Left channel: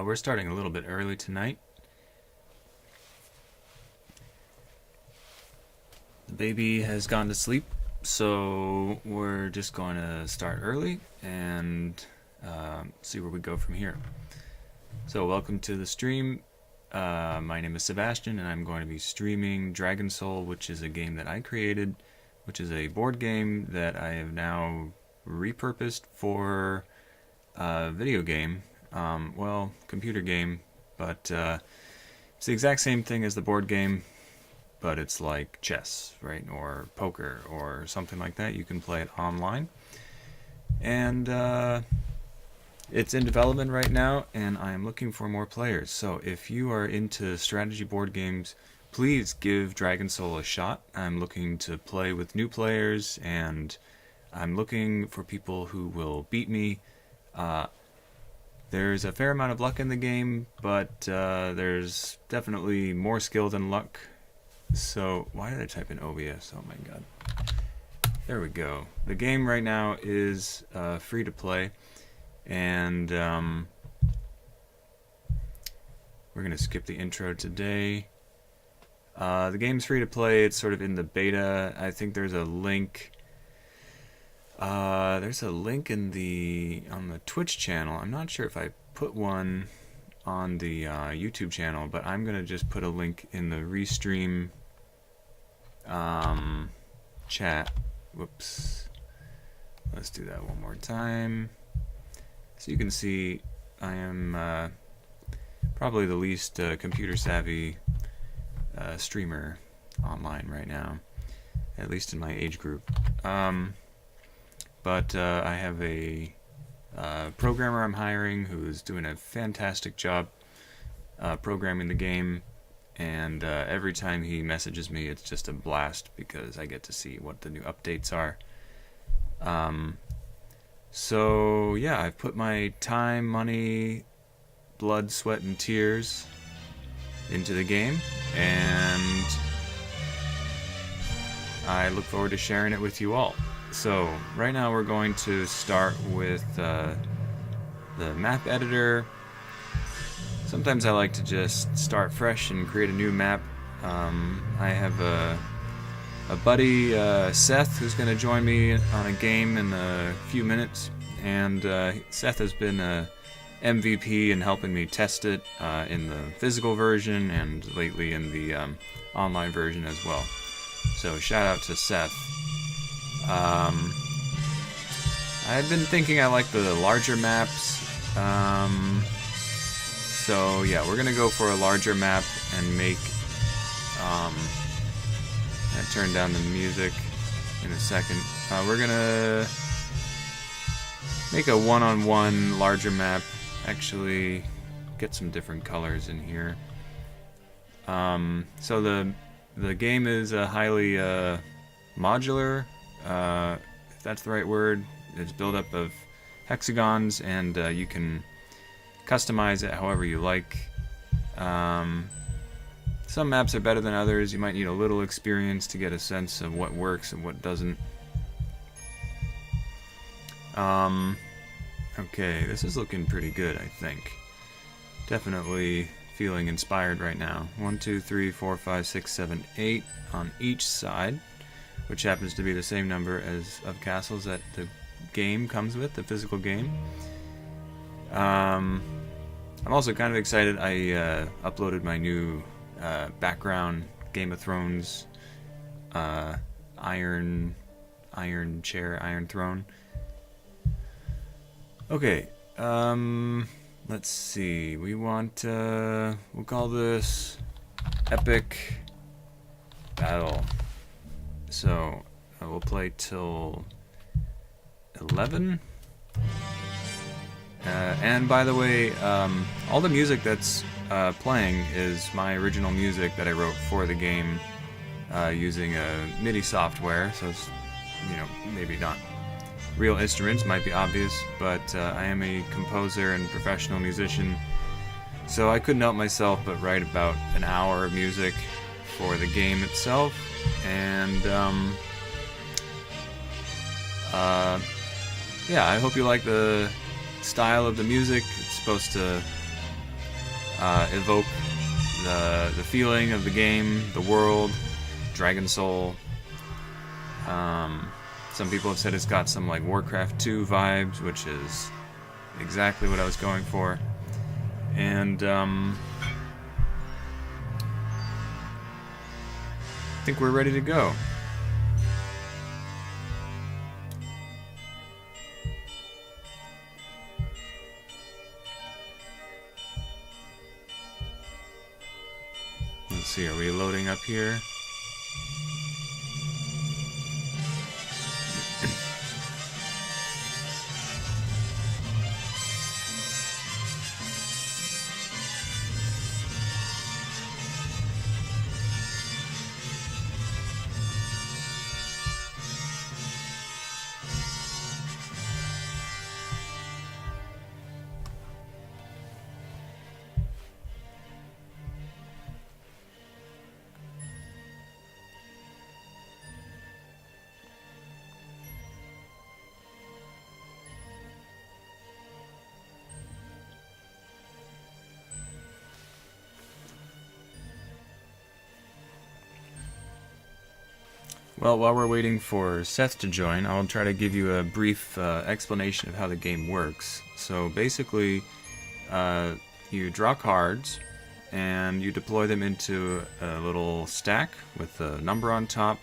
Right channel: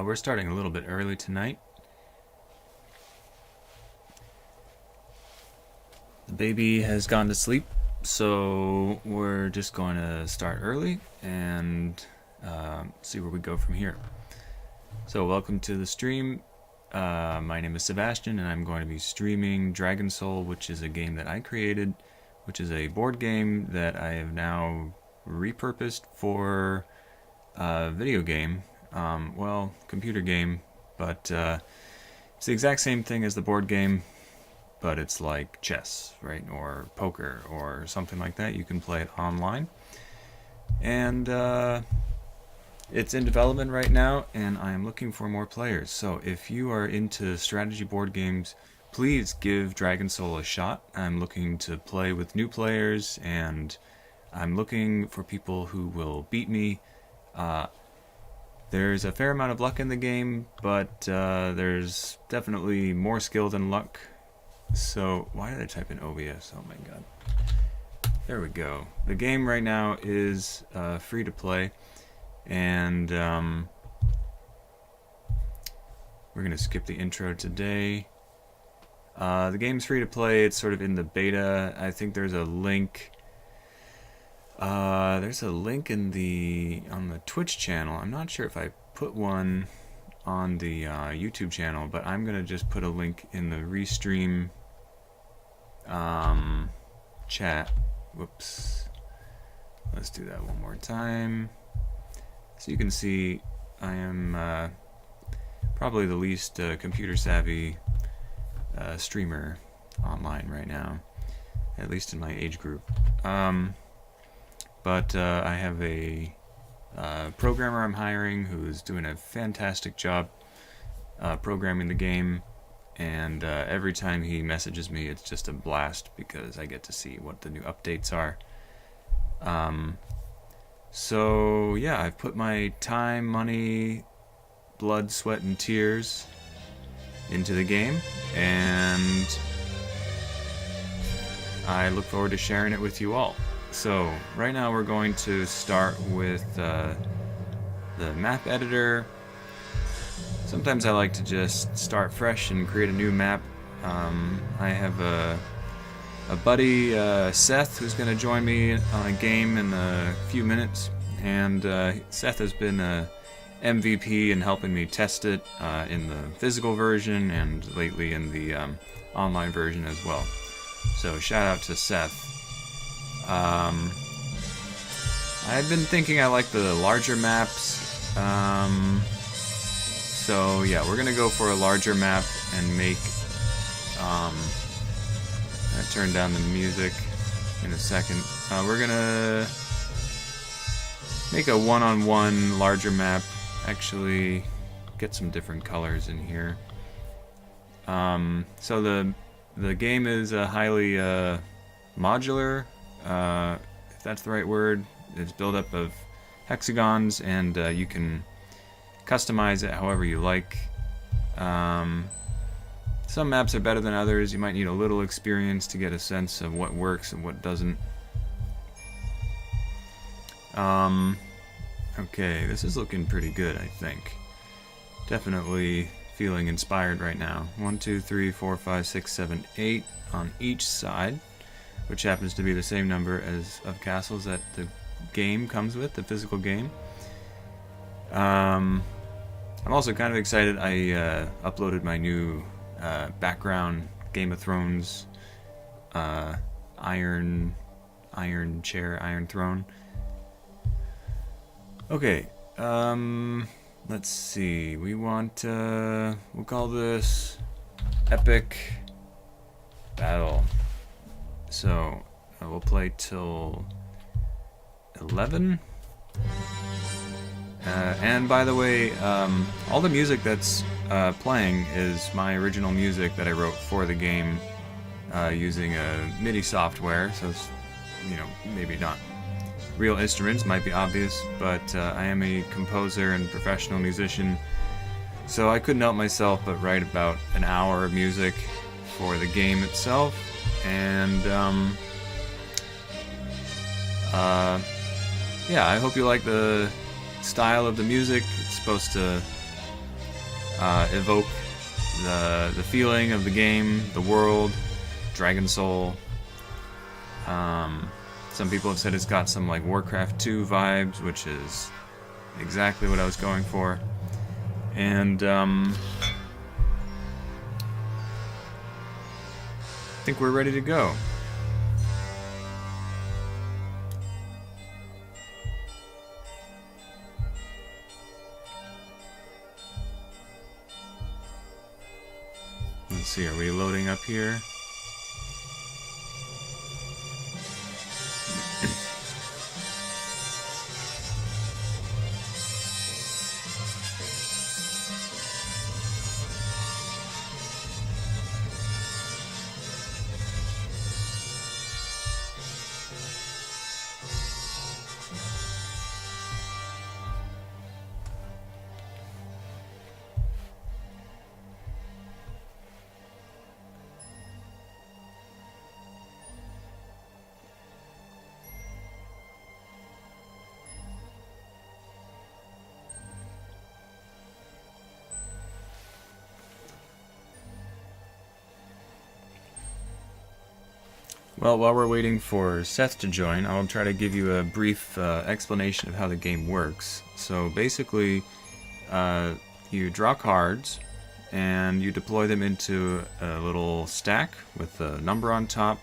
We're starting a little bit early tonight. The baby has gone to sleep, so we're just going to start early and see where we go from here. So welcome to the stream. My name is Sebastian, and I'm going to be streaming Dragon Soul, which is a game that I created, which is a board game that I have now repurposed for a video game. Well, computer game, but it's the exact same thing as the board game, but it's like chess, right? Or poker or something like that. You can play it online. And it's in development right now, and I am looking for more players. So if you are into strategy board games, please give Dragon Soul a shot. I'm looking to play with new players, and I'm looking for people who will beat me. There's a fair amount of luck in the game, but there's definitely more skill than luck. So, why did I type in OBS? Oh my god. There we go. The game right now is free to play, and we're going to skip the intro today. The game's free to play. It's sort of in the beta. I think there's a link. There's a link on the Twitch channel. I'm not sure if I put one on the YouTube channel, but I'm gonna just put a link in the Restream chat. Whoops. Let's do that one more time. So you can see I am probably the least computer savvy streamer online right now, at least in my age group. But I have a programmer I'm hiring who's doing a fantastic job programming the game, and every time he messages me, it's just a blast because I get to see what the new updates are. So yeah, I've put my time, money, blood, sweat, and tears into the game, and I look forward to sharing it with you all. So, right now we're going to start with the map editor. Sometimes I like to just start fresh and create a new map. I have a buddy, Seth, who's going to join me on a game in a few minutes. And Seth has been a MVP in helping me test it in the physical version and lately in the online version as well. So, shout out to Seth. I've been thinking I like the larger maps, so yeah, we're gonna go for a larger map and make, I turn down the music in a second. We're gonna make a one-on-one larger map, actually get some different colors in here. So the game is highly modular, if that's the right word. It's built up of hexagons, and you can customize it however you like. Some maps are better than others. You might need a little experience to get a sense of what works and what doesn't. Okay, this is looking pretty good, I think. Definitely feeling inspired right now. 1, 2, 3, 4, 5, 6, 7, 8 on each side, which happens to be the same number of castles that the game comes with, the physical game. I'm also kind of excited. I uploaded my new background Game of Thrones Iron Throne. Okay, let's see. We want we'll call this Epic Battle. So we'll play till 11. And by the way, all the music that's playing is my original music that I wrote for the game using a MIDI software. So it's, maybe not real instruments, might be obvious, but I am a composer and professional musician. So I couldn't help myself but write about an hour of music for the game itself. And yeah, I hope you like the style of the music. It's supposed to evoke the feeling of the game, the world, Dragon Soul. Some people have said it's got some like Warcraft 2 vibes, which is exactly what I was going for. And I think we're ready to go. Let's see, are we loading up here? Well, while we're waiting for Seth to join, I'll try to give you a brief explanation of how the game works. So basically, you draw cards, and you deploy them into a little stack with a number on top,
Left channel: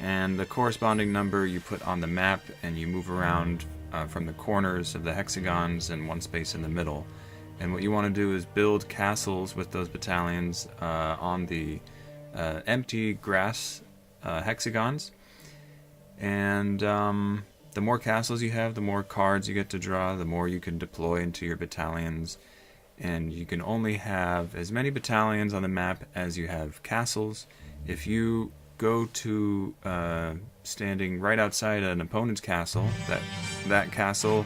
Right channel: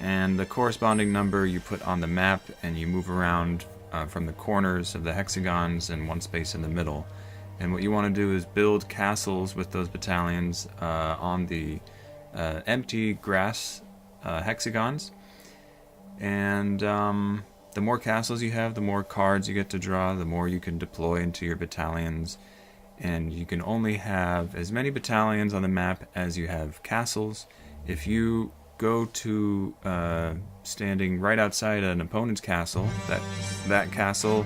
and the corresponding number you put on the map, and you move around from the corners of the hexagons and one space in the middle. And what you want to do is build castles with those battalions on the empty grass hexagons, and the more castles you have, the more cards you get to draw, the more you can deploy into your battalions, and you can only have as many battalions on the map as you have castles. If you go to standing right outside an opponent's castle, that castle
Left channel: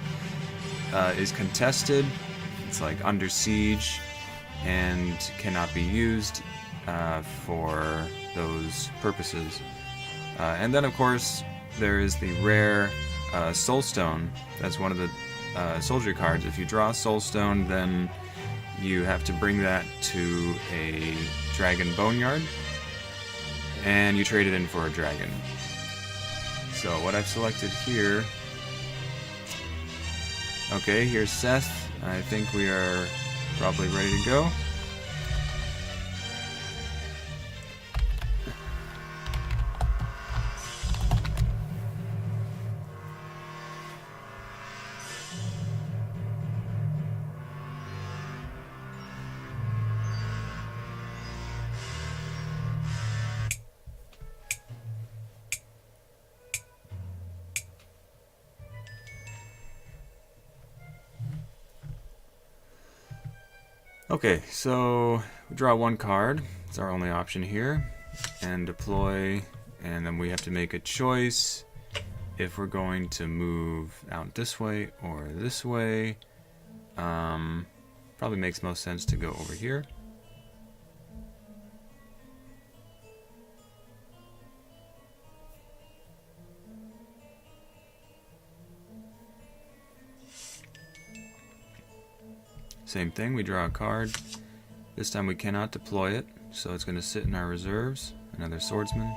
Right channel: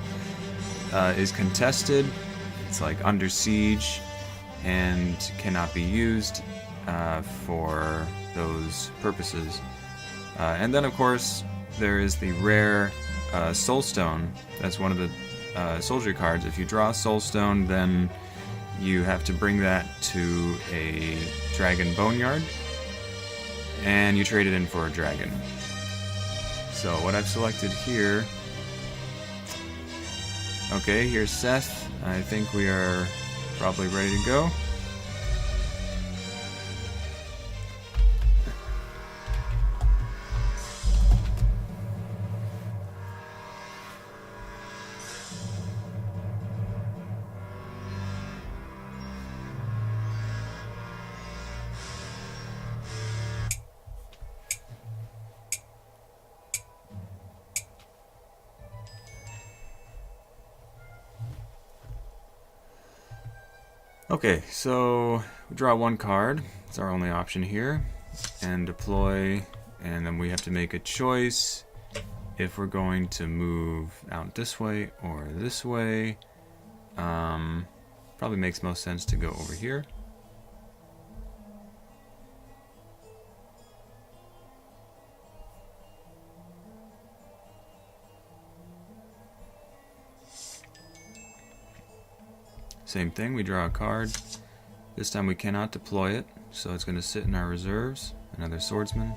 is contested, it's like under siege, and cannot be used for those purposes. And then of course there is the rare Soulstone. That's one of the soldier cards. If you draw a Soulstone, then you have to bring that to a dragon boneyard and you trade it in for a dragon. So what I've selected here, okay, here's Seth. I think we are probably ready to go. Okay, so we draw one card. It's our only option here. And deploy, and then we have to make a choice if we're going to move out this way or this way. Probably makes most sense to go over here. Same thing, we draw a card. This time we cannot deploy it, so it's going to sit in our reserves. Another swordsman.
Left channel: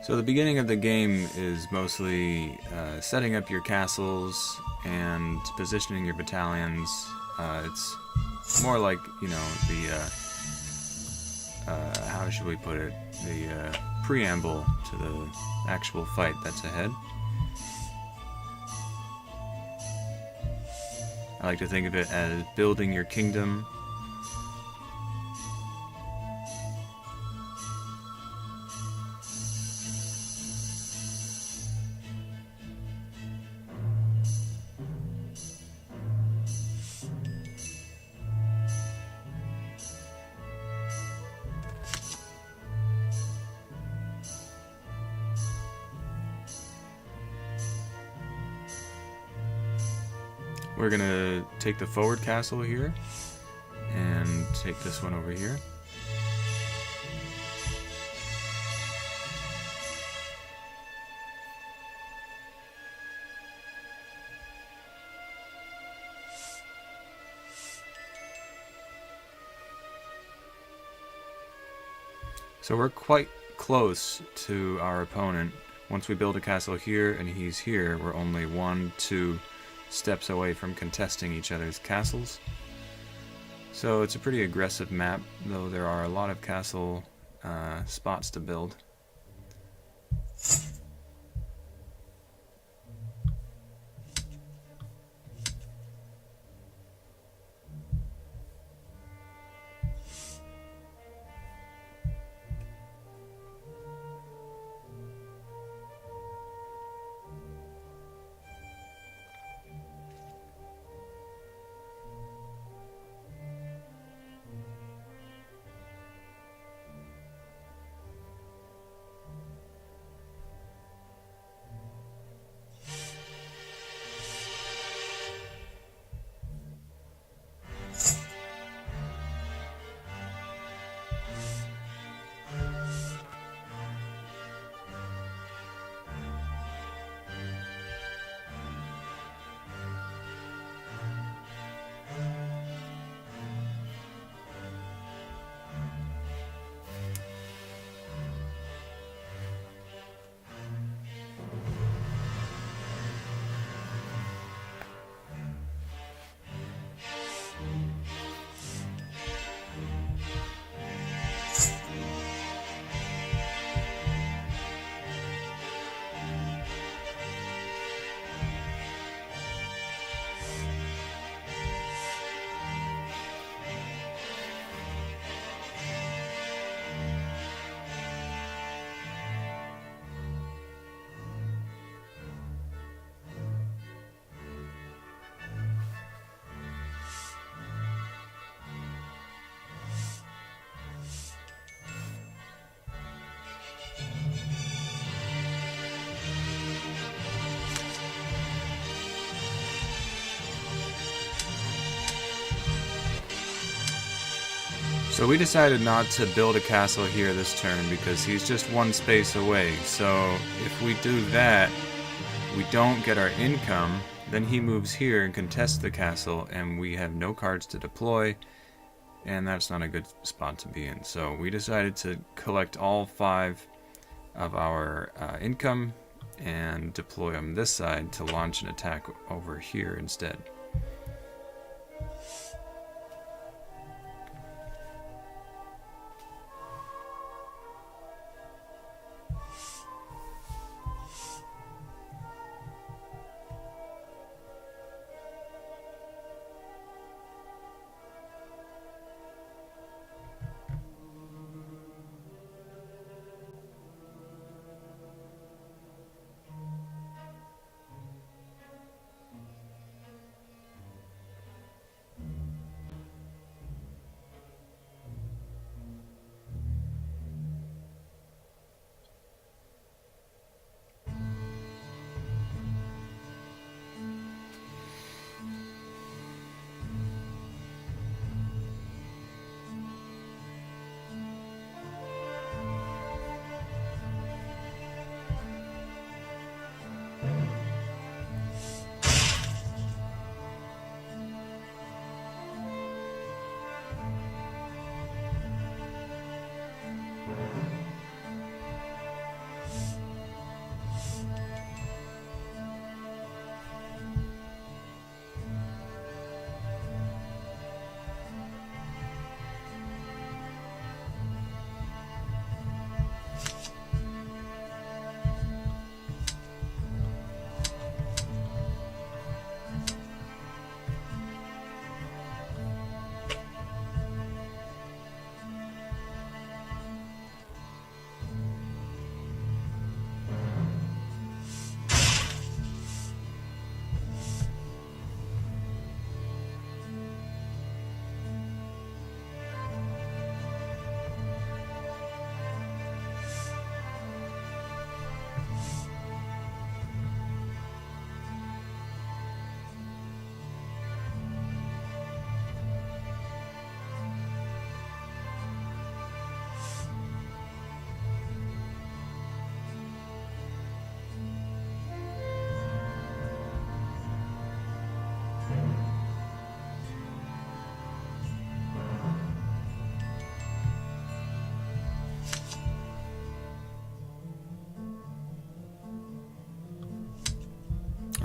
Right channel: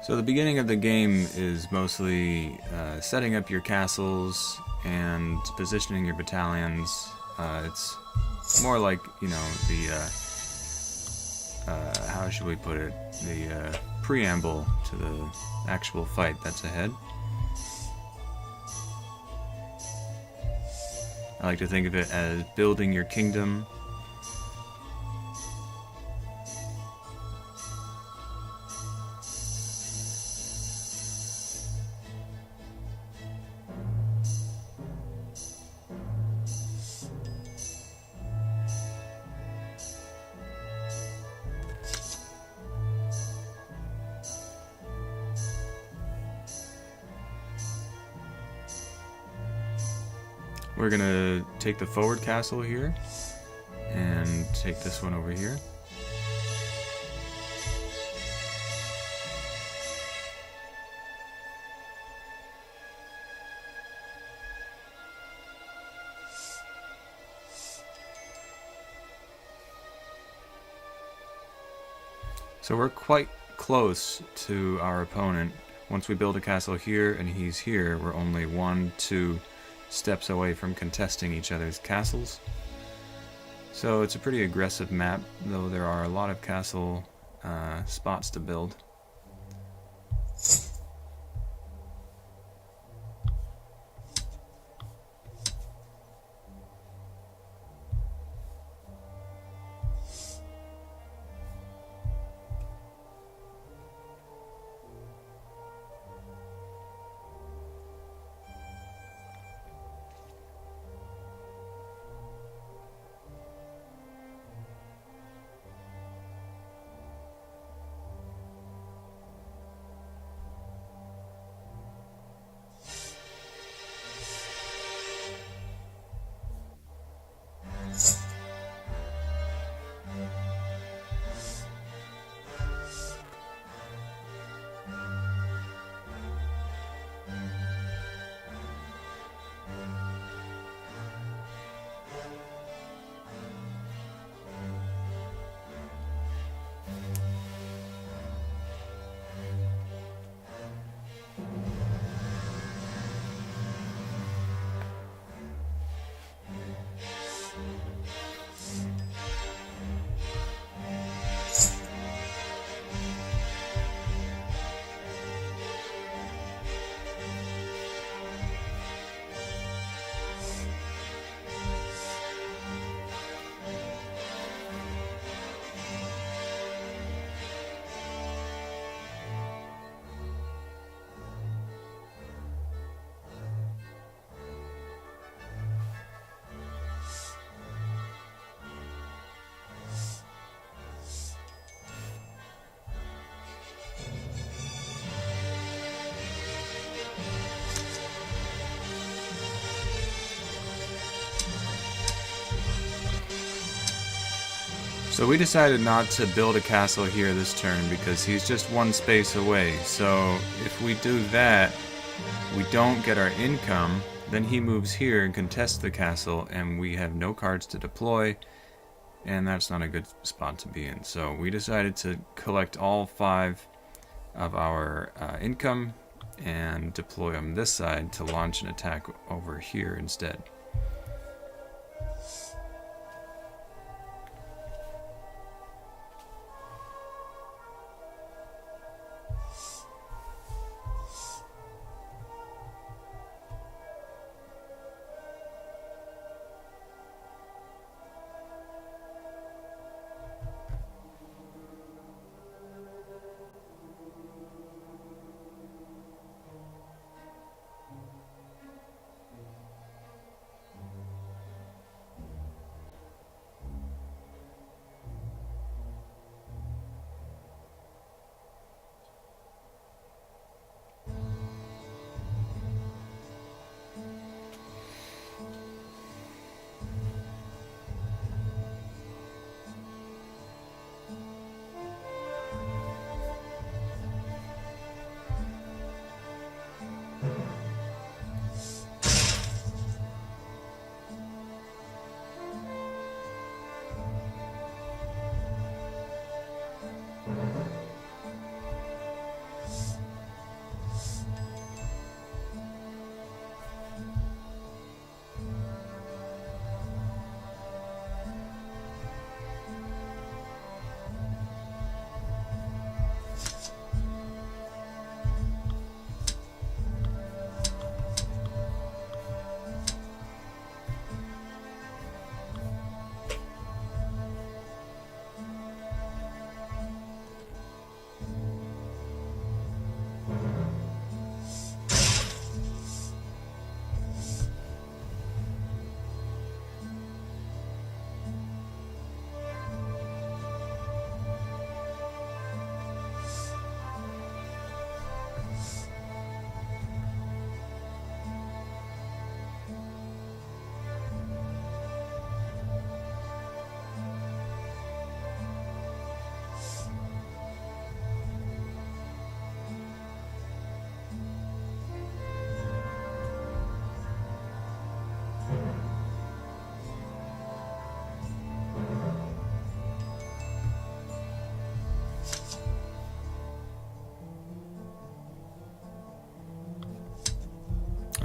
So the beginning of the game is mostly setting up your castles and positioning your battalions. It's more like, you know, the how should we put it? The preamble to the actual fight that's ahead. I like to think of it as building your kingdom. We're gonna take the forward castle here and take this one over here. So we're quite close to our opponent. Once we build a castle here and he's here, we're only 1-2 steps away from contesting each other's castles. So it's a pretty aggressive map, though there are a lot of castle spots to build. So we decided not to build a castle here this turn because he's just one space away. So if we do that, we don't get our income, then he moves here and contests the castle, and we have no cards to deploy, and that's not a good spot to be in. So we decided to collect all 5 of our income and deploy them this side to launch an attack over here instead.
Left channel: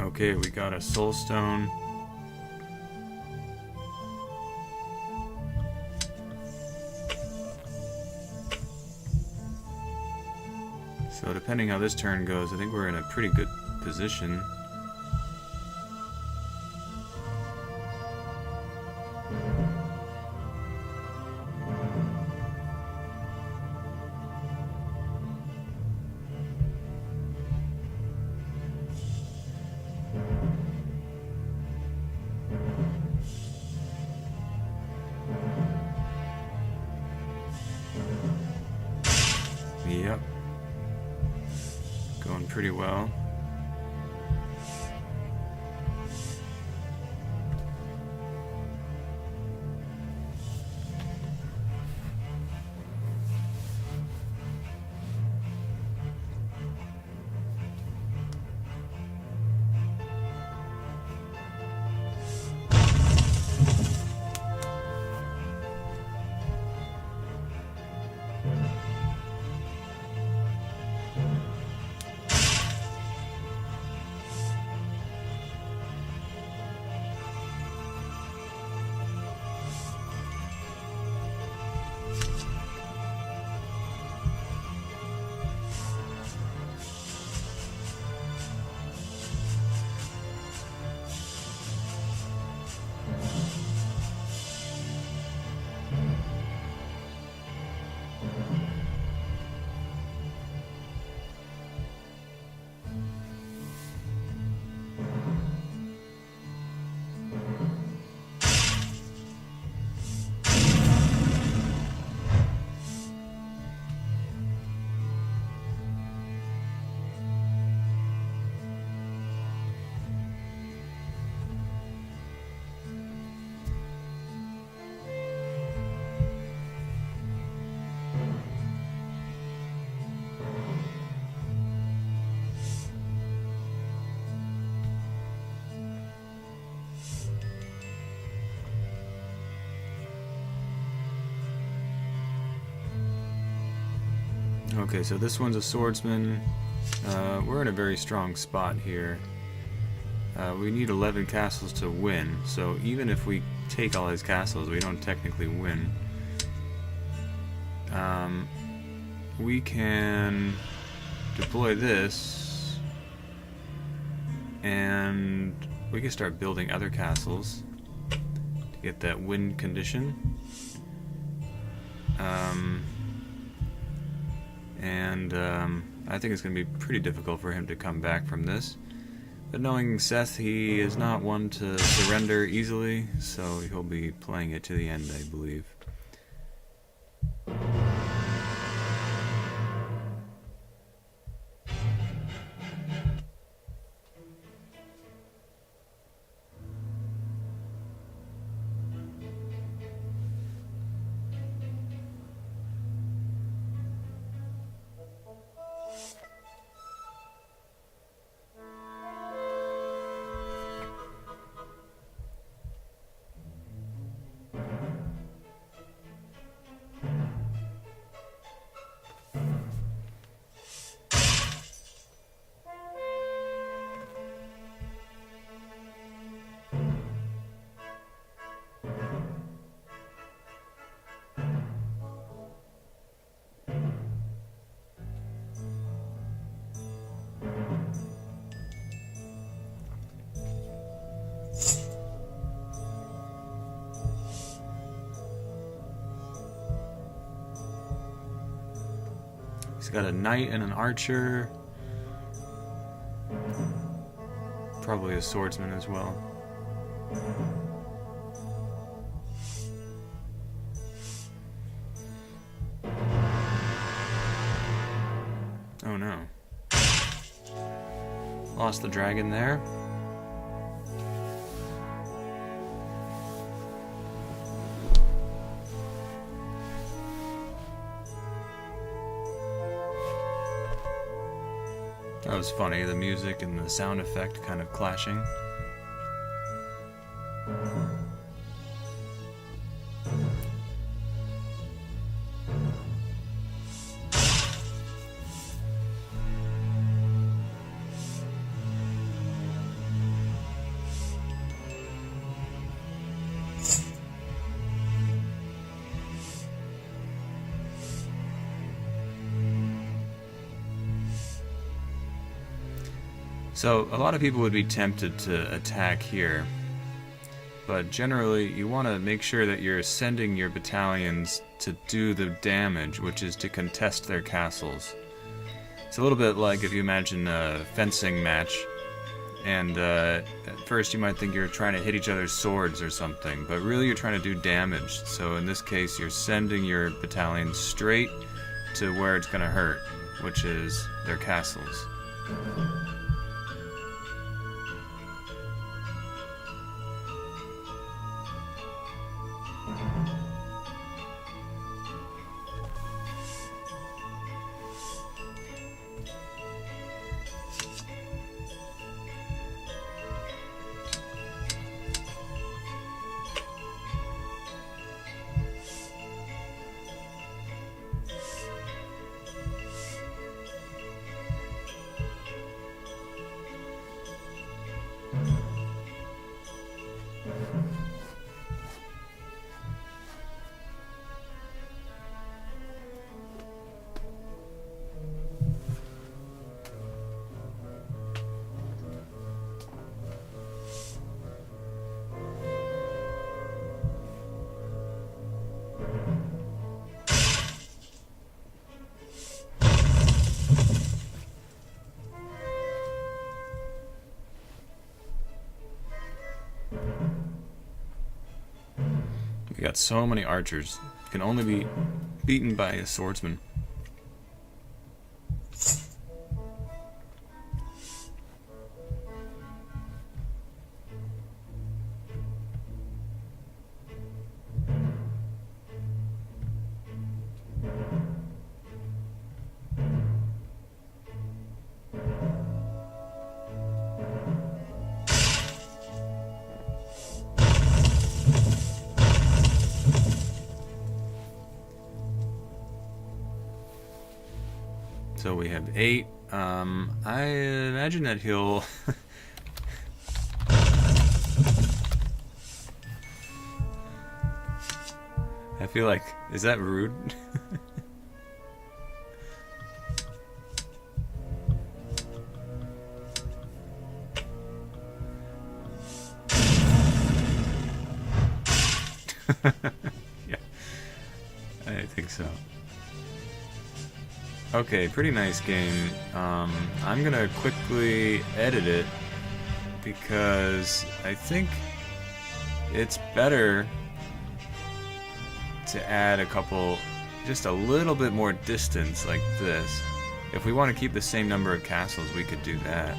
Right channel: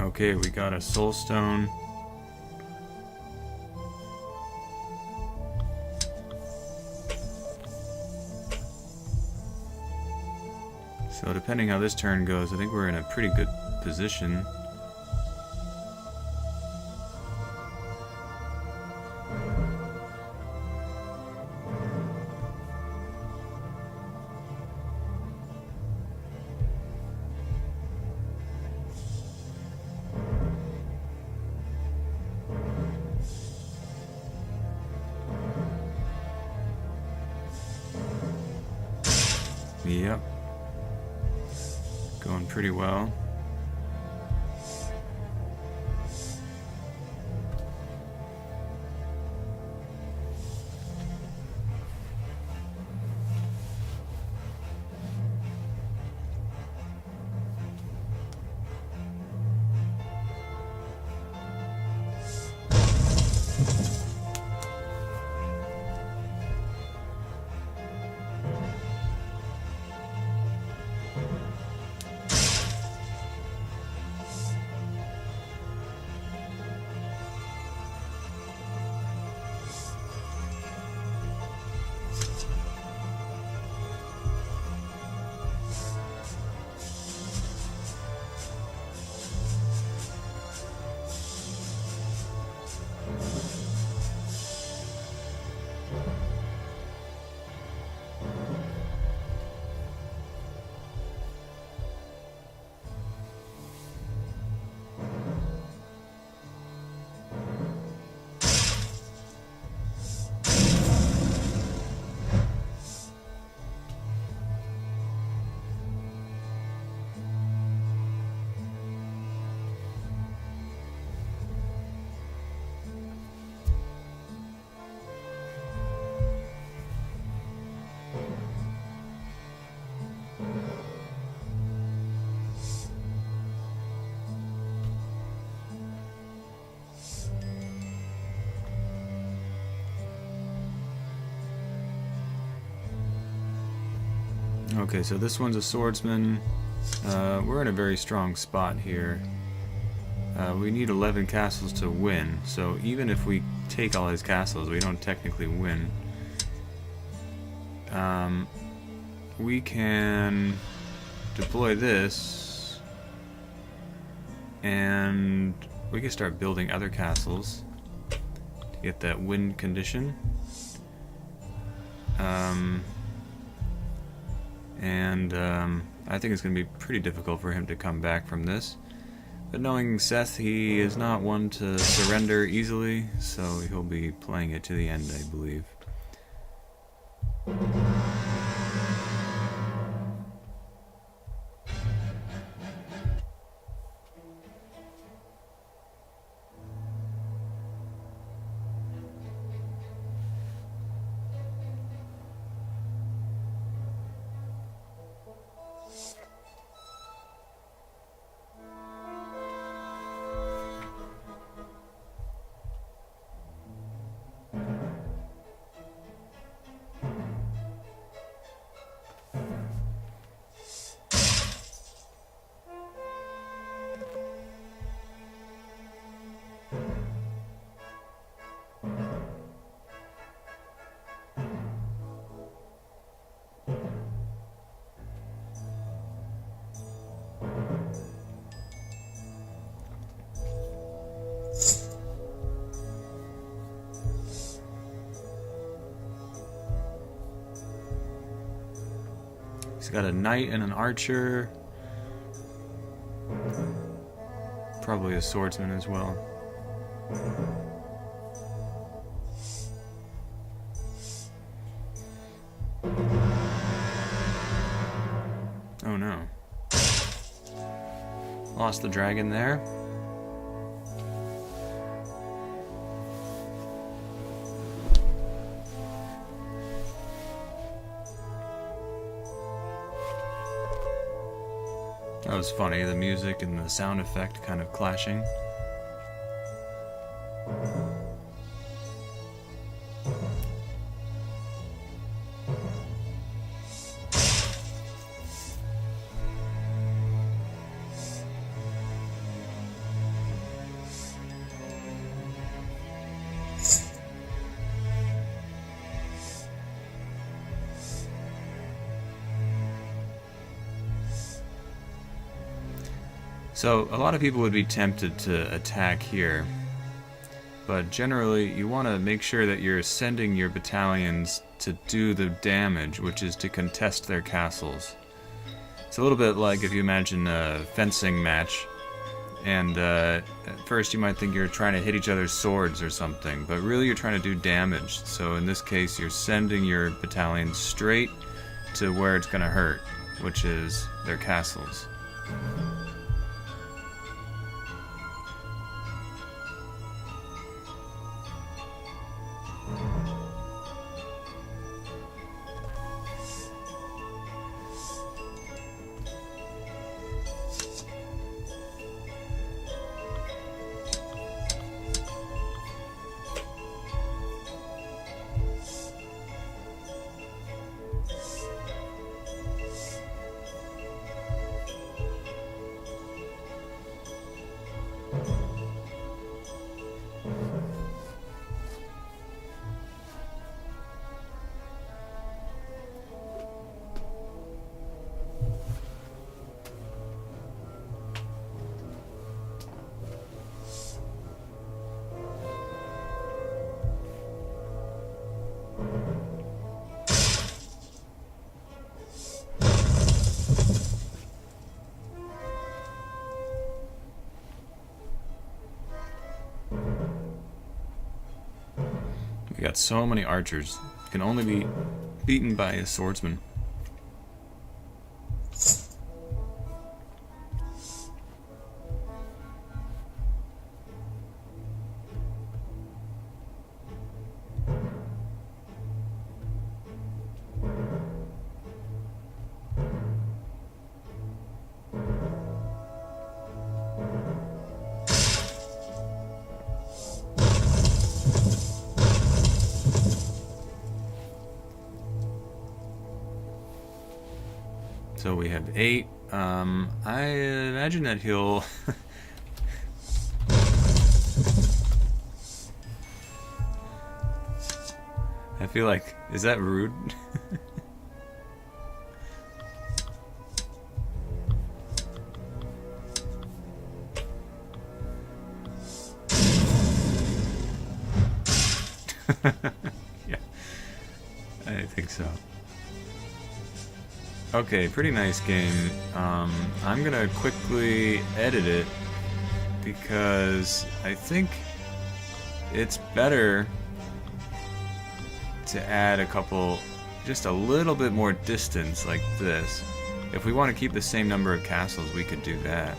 Okay, we got a soul stone. So depending how this turn goes, I think we're in a pretty good position. Yep. Going pretty well. Okay, so this one's a swordsman. We're in a very strong spot here. We need 11 castles to win, so even if we take all his castles, we don't technically win. We can deploy this, and we can start building other castles to get that win condition. I think it's going to be pretty difficult for him to come back from this. But knowing Seth, he is not one to surrender easily, so he'll be playing it to the end, I believe. He's got a knight and an archer. Probably a swordsman as well. Oh no. Lost the dragon there. That was funny, the music and the sound effect kind of clashing. So a lot of people would be tempted to attack here, but generally you want to make sure that you're sending your battalions to do the damage, which is to contest their castles. It's a little bit like if you imagine a fencing match, and at first you might think you're trying to hit each other's swords or something, but really you're trying to do damage. So in this case, you're sending your battalion straight to where it's going to hurt, which is their castles. We got so many archers. Can only be beaten by a swordsman. So we have 8. I imagine that he'll... I feel like... Is that rude? Yeah, I think so. Okay, pretty nice game. I'm gonna quickly edit it because I think it's better to add a couple, just a little bit more distance like this. If we want to keep the same number of castles, we could do that.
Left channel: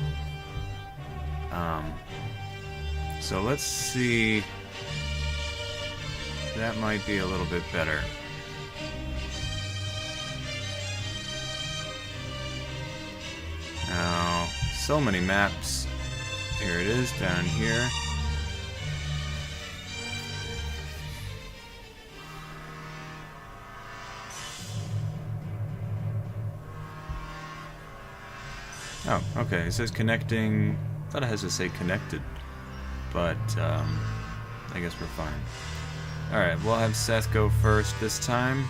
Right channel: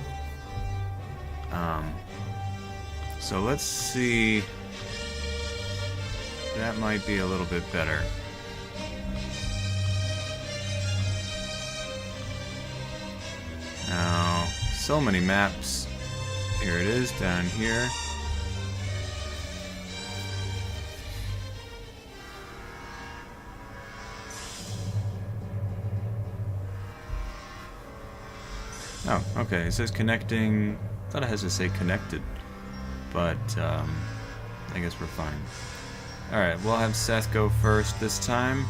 So let's see. That might be a little bit better. Now, so many maps. Here it is, down here. Oh, okay, it says connecting. I thought it has to say connected, but I guess we're fine. Alright, we'll have Seth go first this time.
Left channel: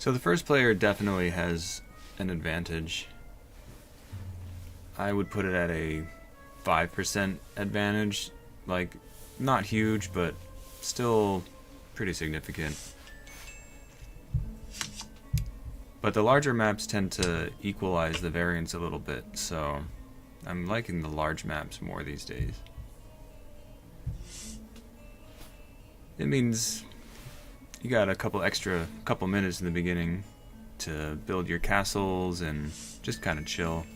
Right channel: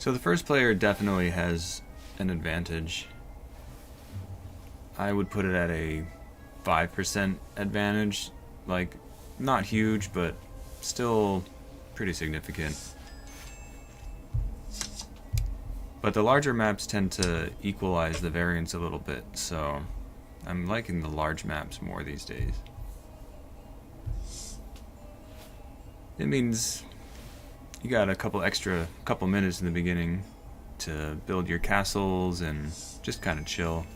So the first player definitely has an advantage. I would put it at a 5% advantage. Like, not huge, but still pretty significant. But the larger maps tend to equalize the variance a little bit, so I'm liking the large maps more these days. It means you got a couple minutes in the beginning to build your castles and just kind of chill.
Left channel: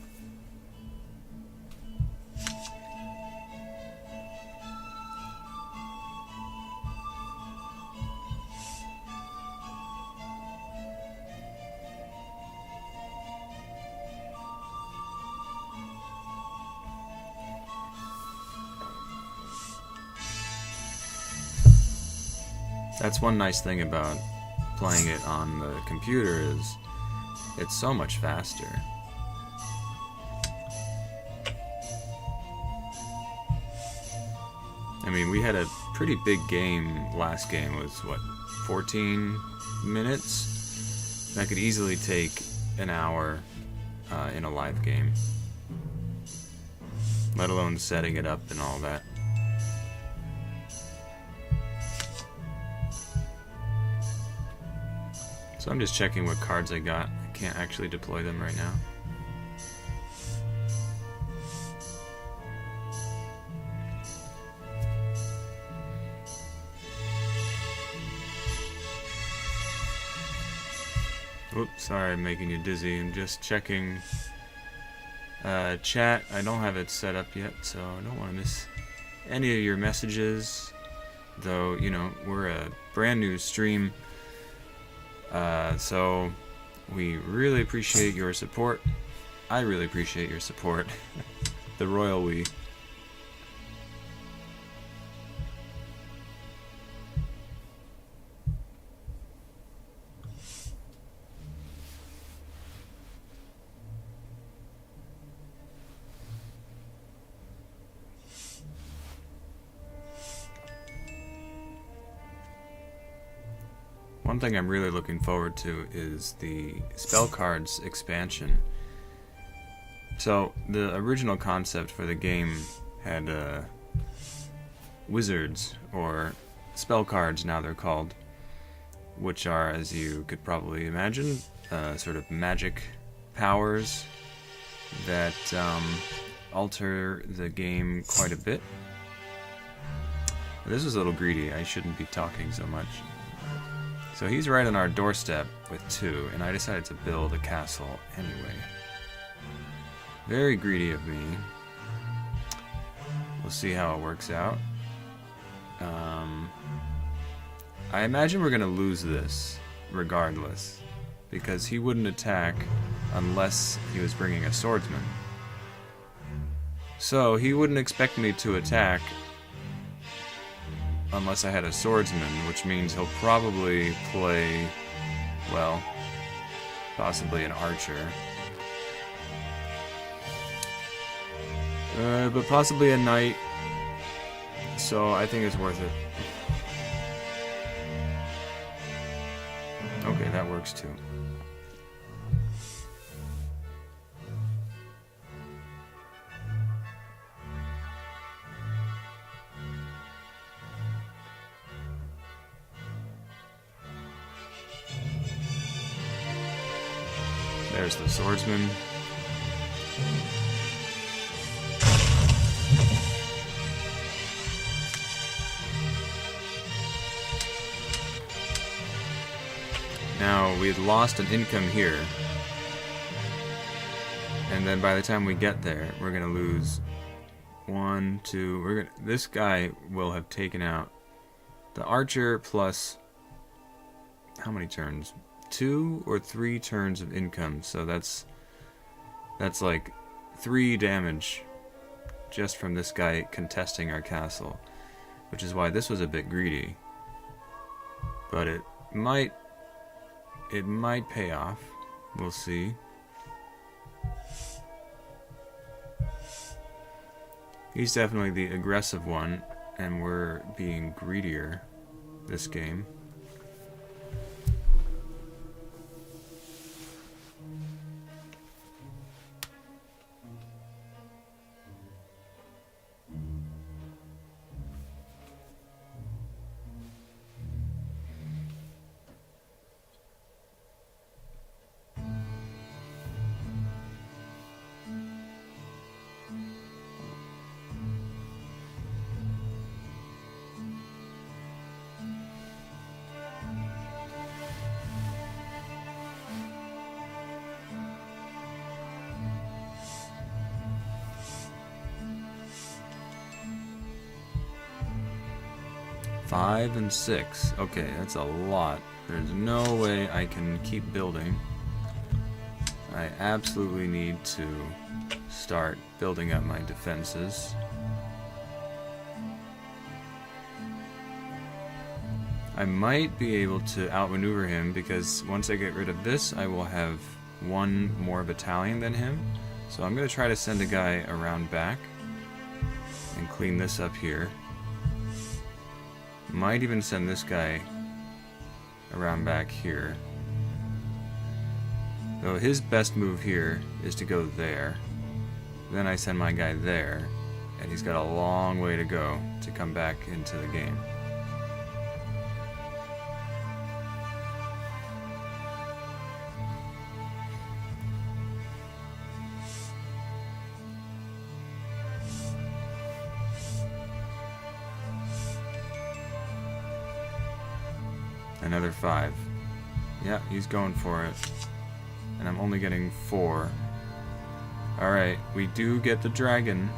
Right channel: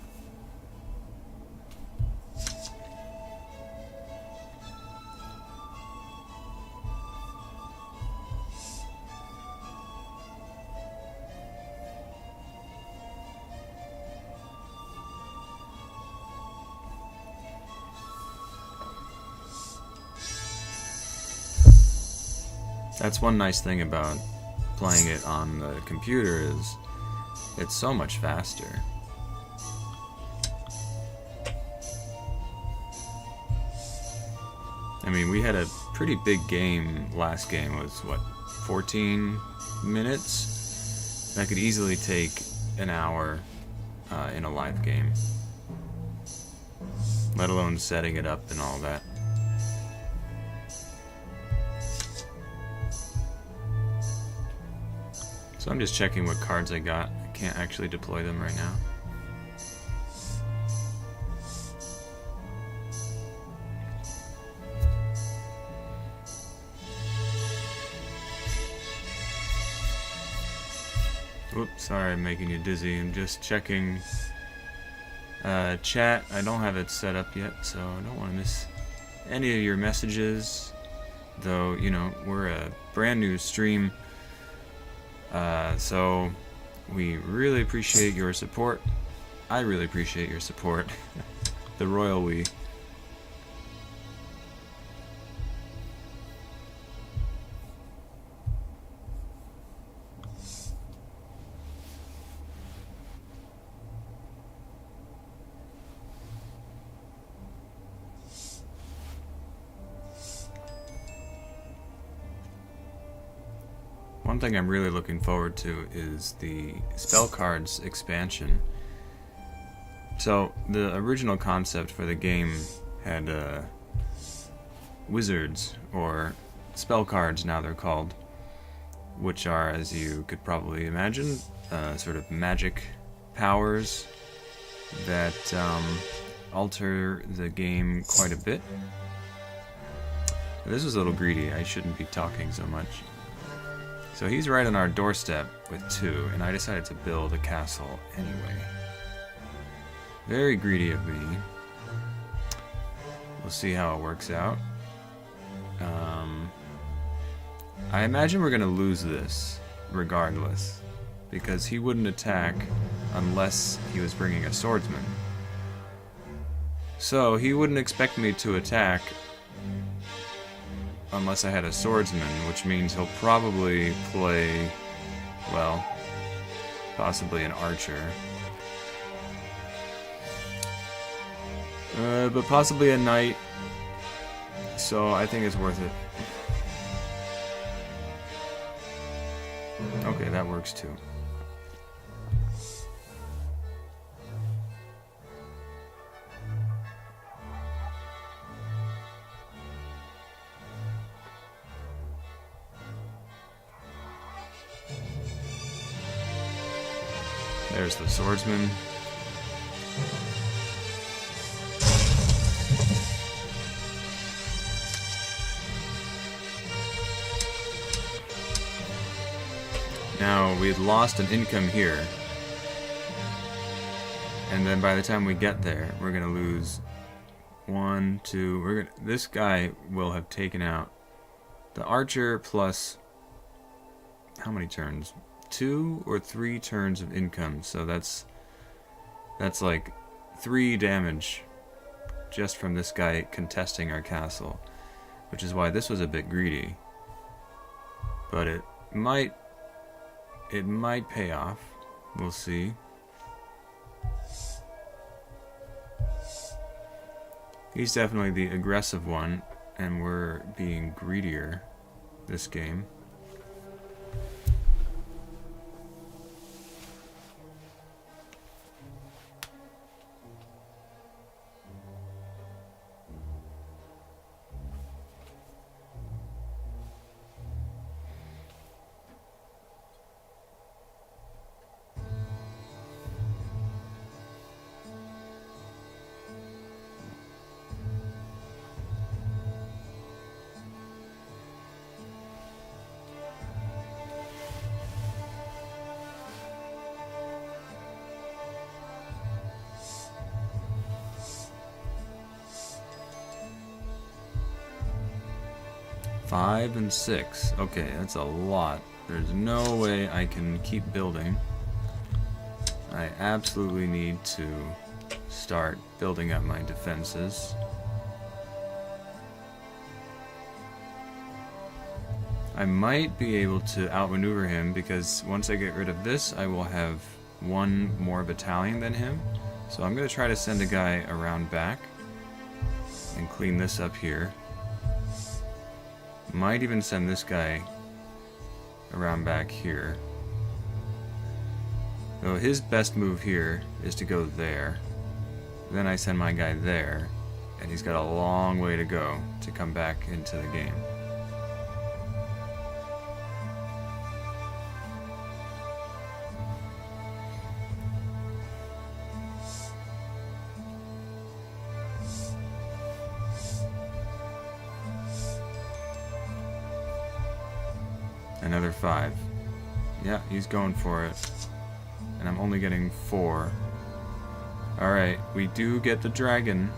That's one nice thing about playing it on the computer is it's so much faster. I mean, we had a pretty big game. Last game was, what, 14 minutes? That could easily take an hour in a live game, let alone setting it up and all that. So I'm just checking what cards I got. I can't actually deploy them right now. Oops, sorry I'm making you dizzy. I'm just checking chat. I don't have it set up yet, so I don't want to miss any of your messages. Though, you know, we're a brand new stream, so we really appreciate your support. I really appreciate your support. The royal we. One thing I'm really looking forward to is the spell cards expansion. So the original concept for the game had wizards, or spell cards now they're called, which are, as you could probably imagine, sort of magic powers that alter the game quite a bit. This was a little greedy. I shouldn't be talking so much. So he's right on our doorstep with 2, and I decided to build a castle anyway. Very greedy of me. We'll see how it works out. I imagine we're going to lose this regardless, because he wouldn't attack unless he was bringing a swordsman. So he wouldn't expect me to attack unless I had a swordsman, which means he'll probably play, well, possibly an archer. But possibly a knight, so I think it's worth it. Okay, that works too. There's the swordsman. Now, we had lost an income here. And then by the time we get there, we're going to lose 1, 2... this guy will have taken out the archer plus... how many turns? 2 or 3 turns of income. So that's like 3 damage just from this guy contesting our castle. Which is why this was a bit greedy. But it might pay off. We'll see. He's definitely the aggressive one, and we're being greedier this game. Five and 6. Okay, that's a lot. There's no way I can keep building. I absolutely need to start building up my defenses. I might be able to outmaneuver him, because once I get rid of this, I will have one more battalion than him. So I'm going to try to send a guy around back and clean this up here. Might even send this guy around back here. So his best move here is to go there. Then I send my guy there, and he's got a long way to go to come back into the game. Another 5. Yeah, he's going for it. And I'm only getting 4. Alright, we do get the dragon.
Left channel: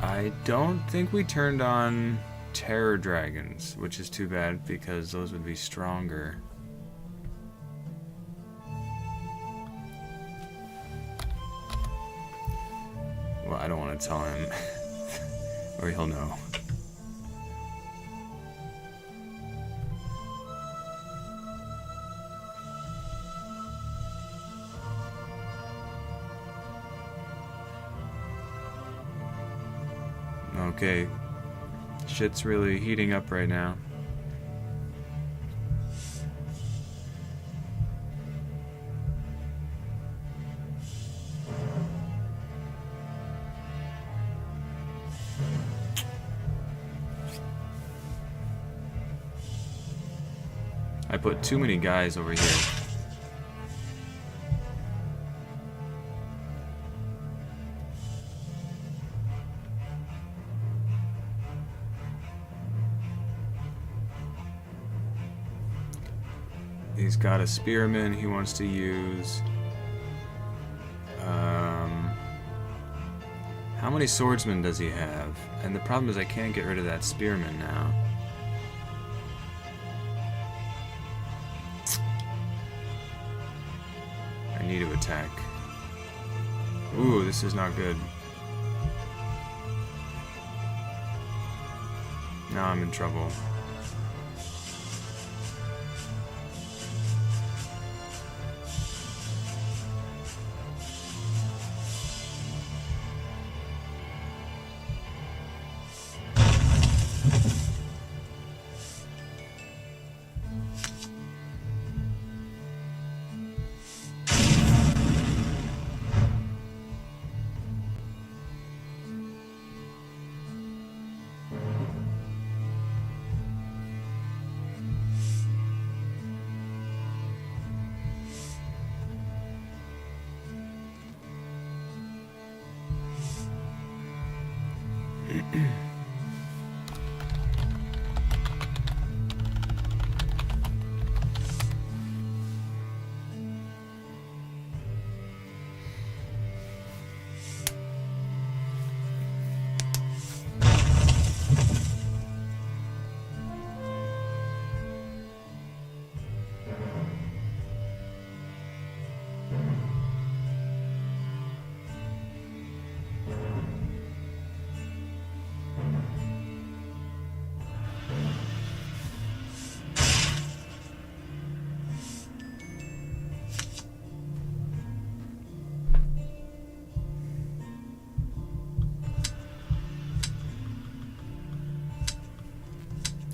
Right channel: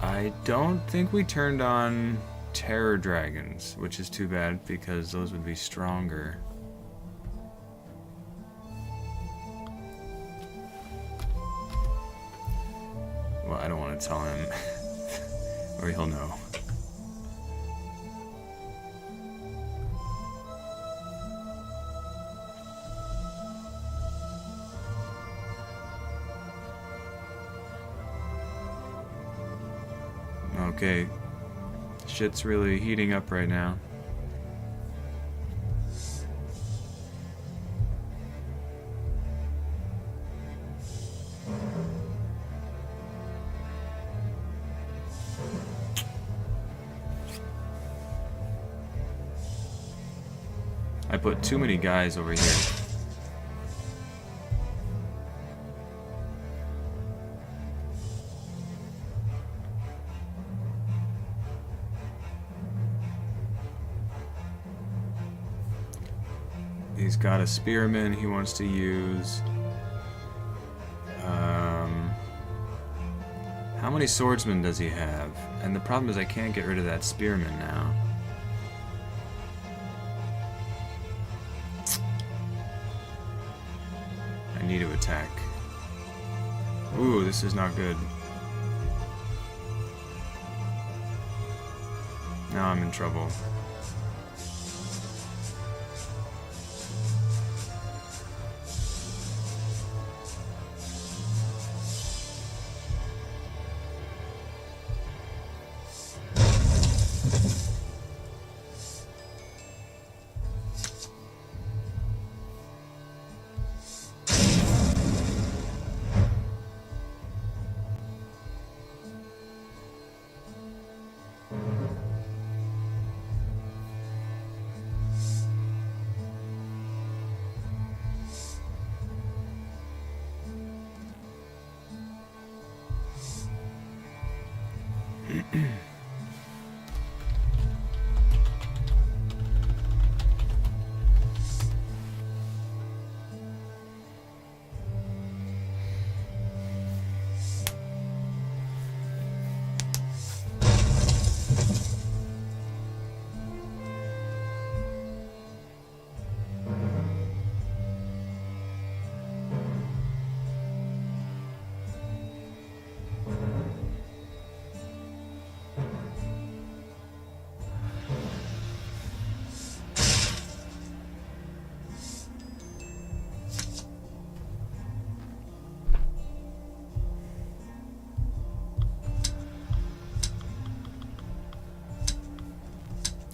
I don't think we turned on terror dragons, which is too bad because those would be stronger. Well, I don't want to tell him, or he'll know. Okay, shit's really heating up right now. I put too many guys over here. He's got a spearman he wants to use. How many swordsmen does he have? And the problem is I can't get rid of that spearman now. I need to attack. Ooh, this is not good. Now I'm in trouble.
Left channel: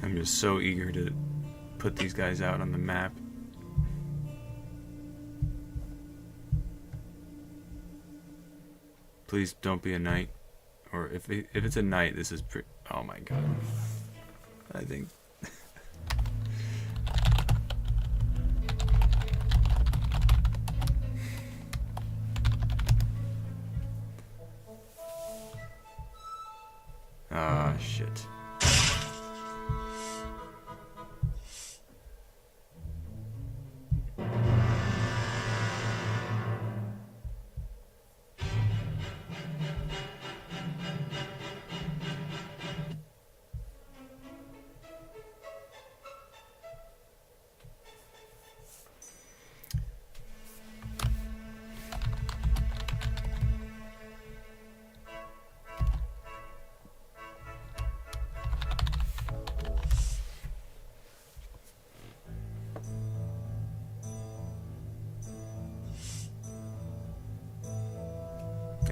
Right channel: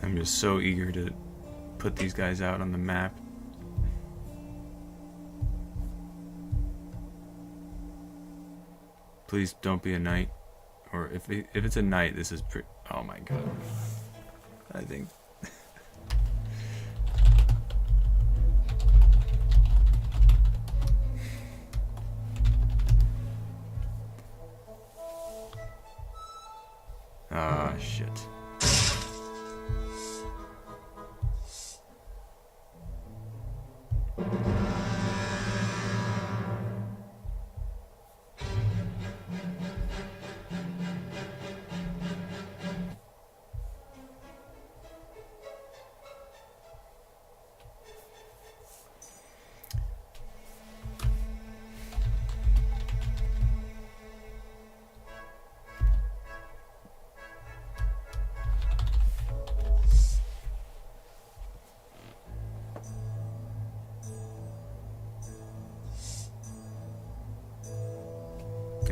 I'm just so eager to put these guys out on the map. Please don't be a knight. Or if it's a knight, this is pretty... Oh my god. I think... Ah, shit.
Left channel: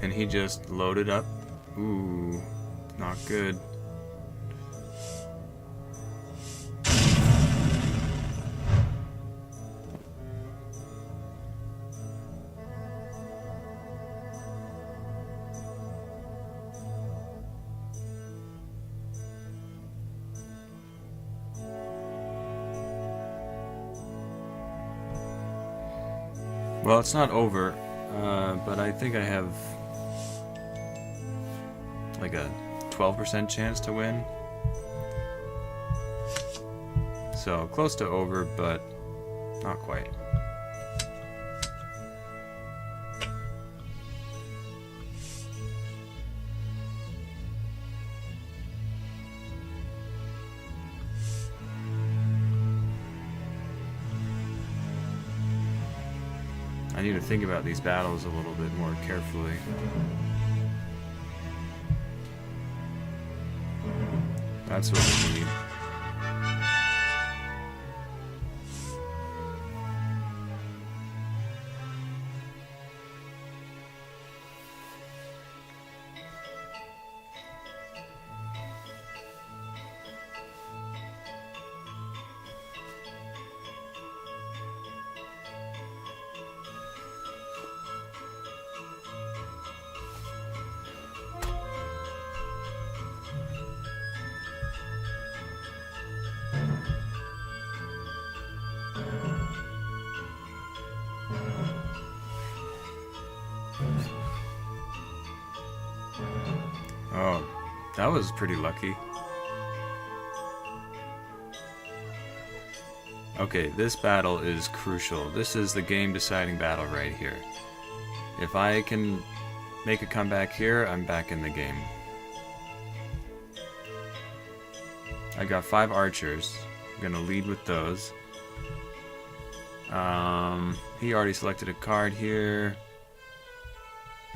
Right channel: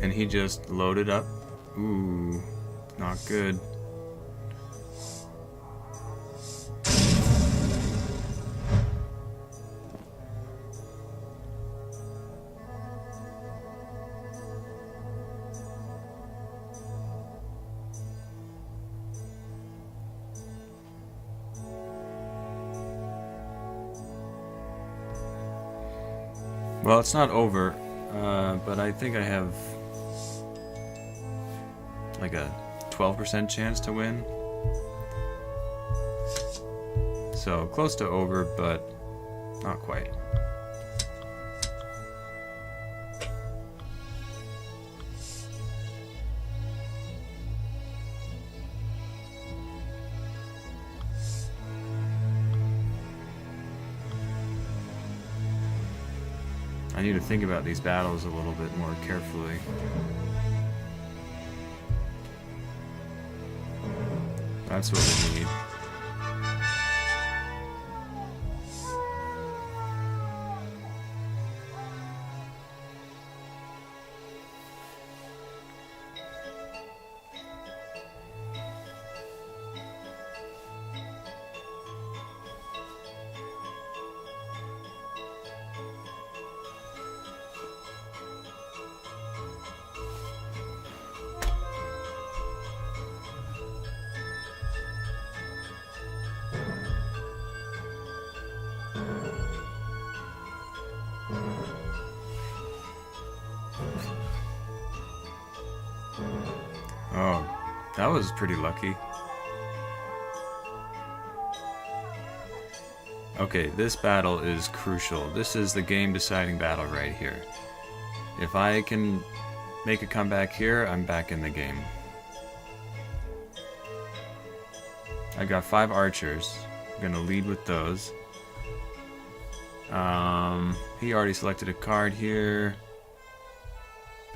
And he just loaded up. Ooh, not good. Well, it's not over, but I think I have like a 12% chance to win. So close to over, but not quite. I need to think about these battles a little bit more carefully. That's what we need. Oh, that was pretty lucky. Okay, this battle is crucial. This is the game-deciding battle right here. If I can make a comeback here, I'm back in the game. I got 5 archers. I'm gonna lead with those. He already selected a card here.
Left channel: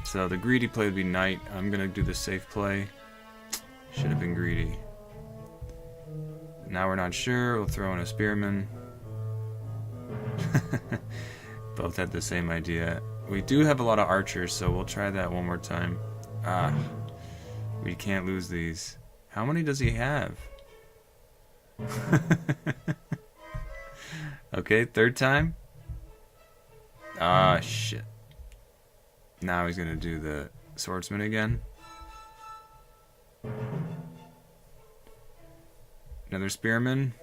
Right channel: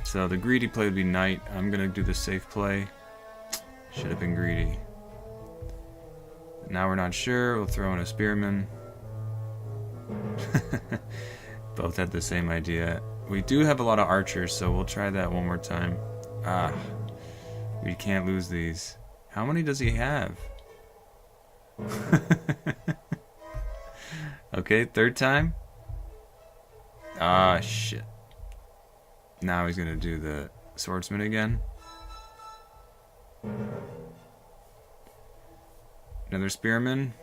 So the greedy play would be knight. I'm gonna do the safe play. Should have been greedy. Now we're not sure. We'll throw in a spearman. Both had the same idea. We do have a lot of archers, so we'll try that one more time. Ah, we can't lose these. How many does he have? Okay, third time. Ah, shit. Now he's gonna do the swordsman again. Another spearman.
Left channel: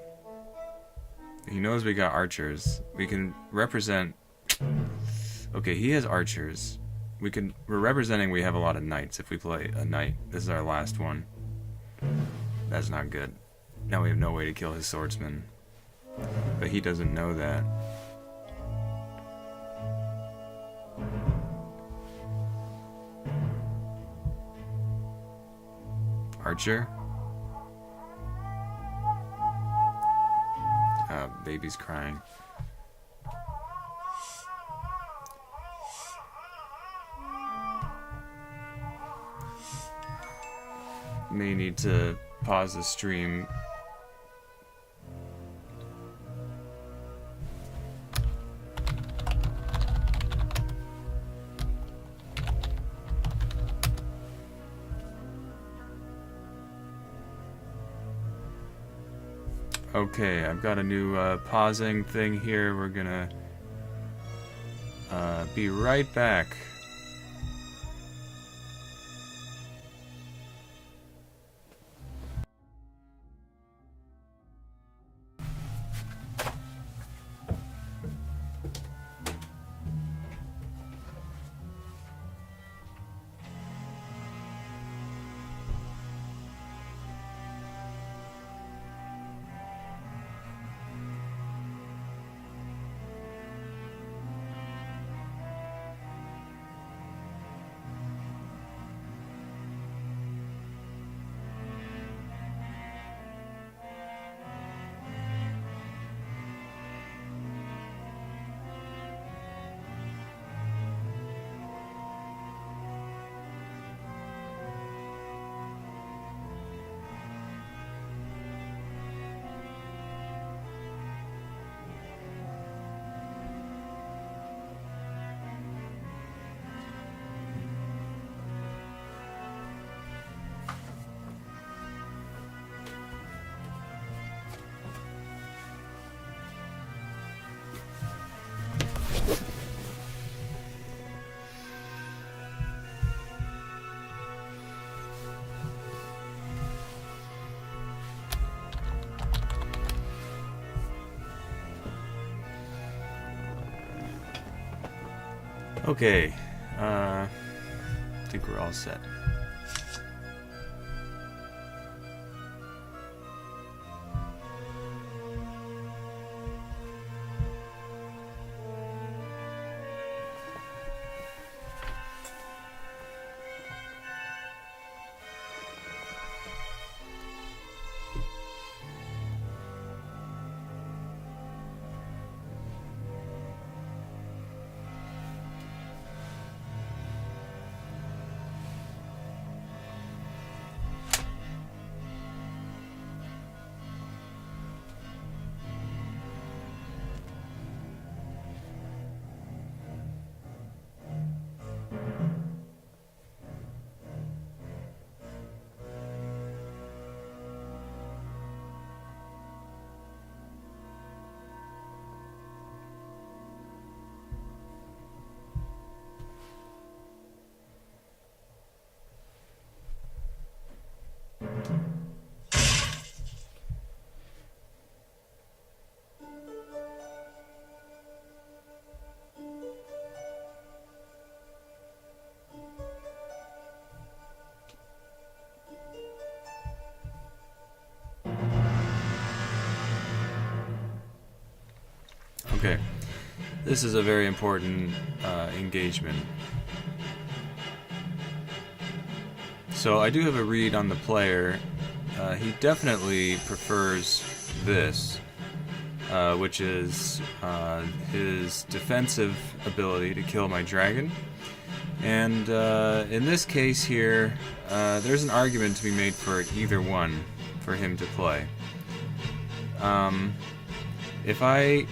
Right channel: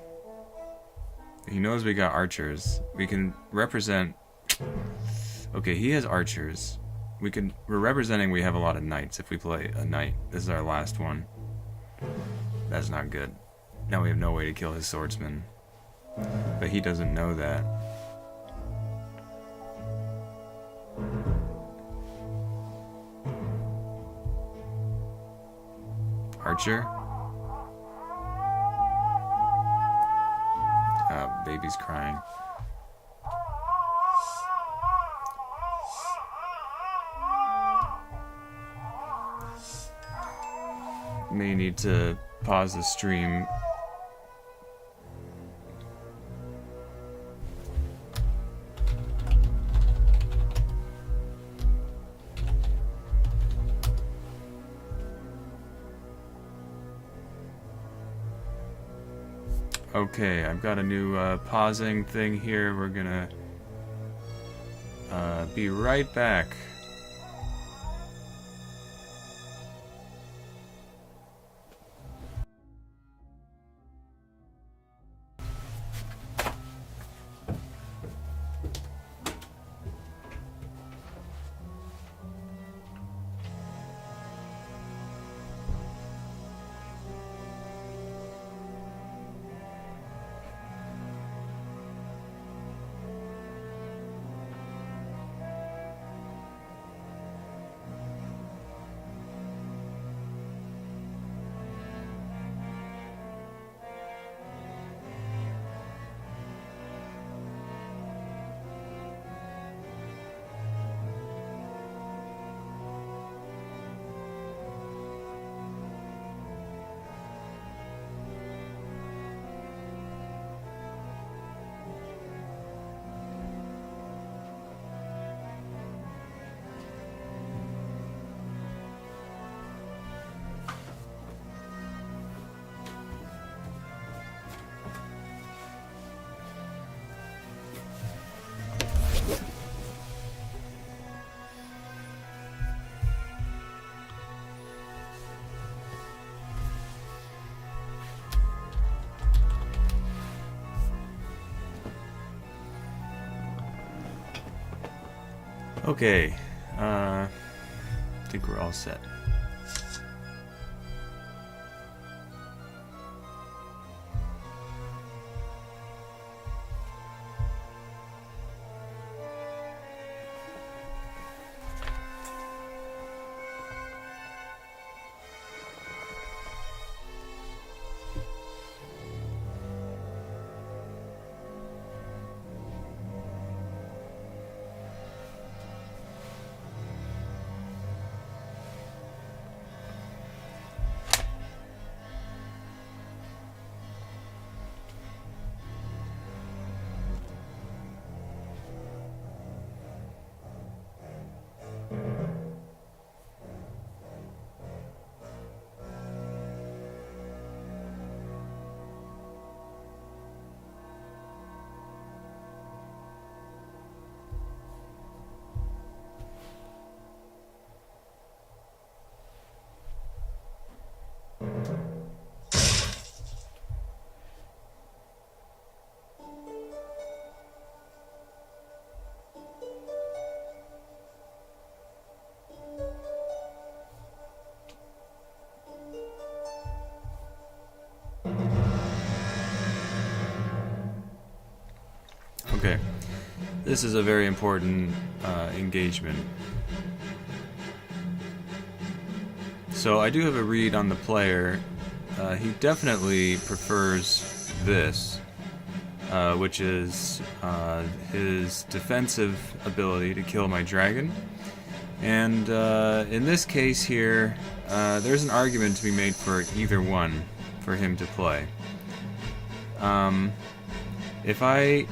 He knows we got archers. We can represent... Okay, he has archers. We're representing we have a lot of knights if we play a knight. This is our last one. That's not good. Now we have no way to kill his swordsman. But he doesn't know that. Archer? Baby's crying. May need to pause the stream. Okay, I've got a new pausing thing here. We're gonna be right back. Okay, I think we're all set. Okay, this is a very important engagement. So I do have a read on the player. He definitely prefers this, which is his defensive ability to kill my dragon. And in this case here, there's an argument to be made for either one for him to play. If I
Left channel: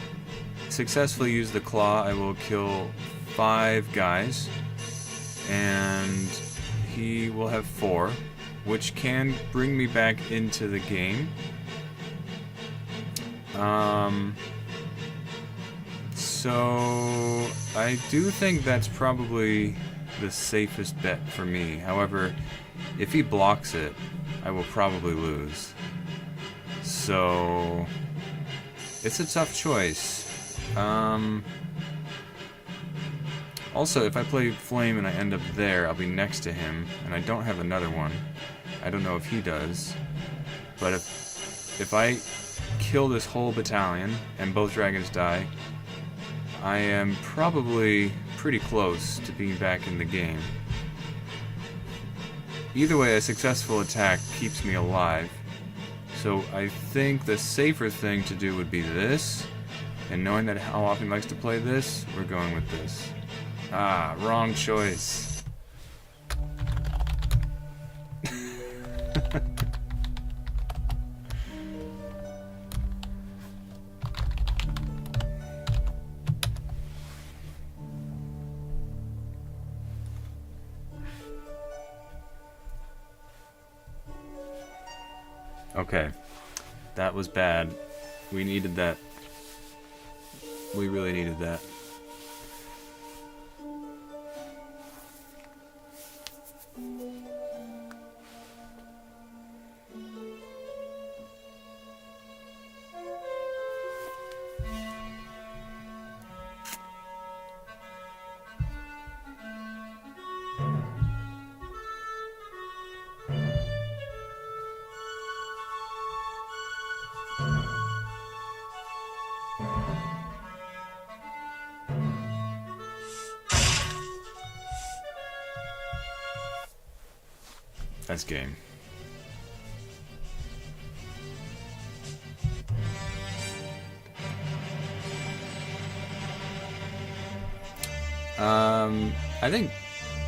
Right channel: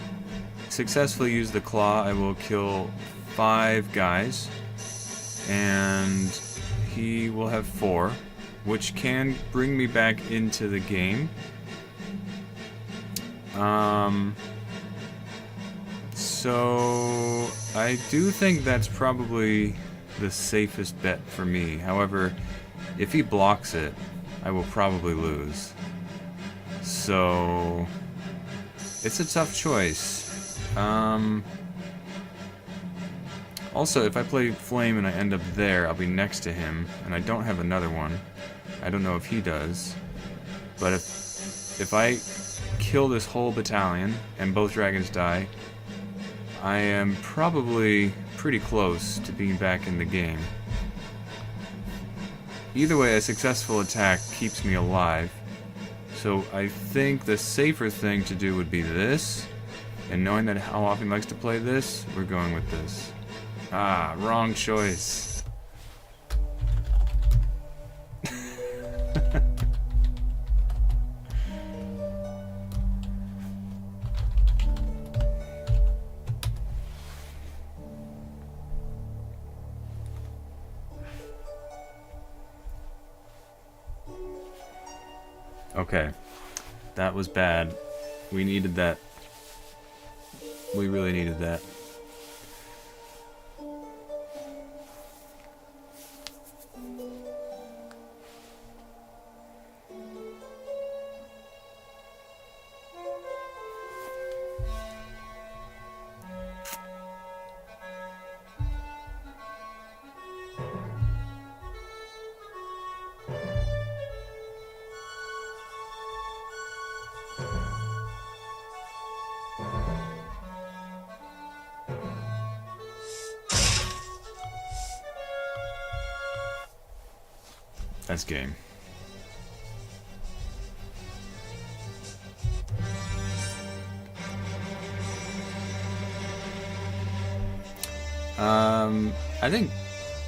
successfully use the claw, I will kill 5 guys, and he will have 4, which can bring me back into the game. So I do think that's probably the safest bet for me. However, if he blocks it, I will probably lose. So it's a tough choice. Also, if I play Flame and I end up there, I'll be next to him, and I don't have another one. I don't know if he does. But if I kill this whole battalion and both dragons die, I am probably pretty close to being back in the game. Either way, a successful attack keeps me alive. So I think the safer thing to do would be this. And knowing that how often he likes to play this, we're going with this. Ah, wrong choice. Okay, that was bad. We needed that. We really needed that. That's game. I think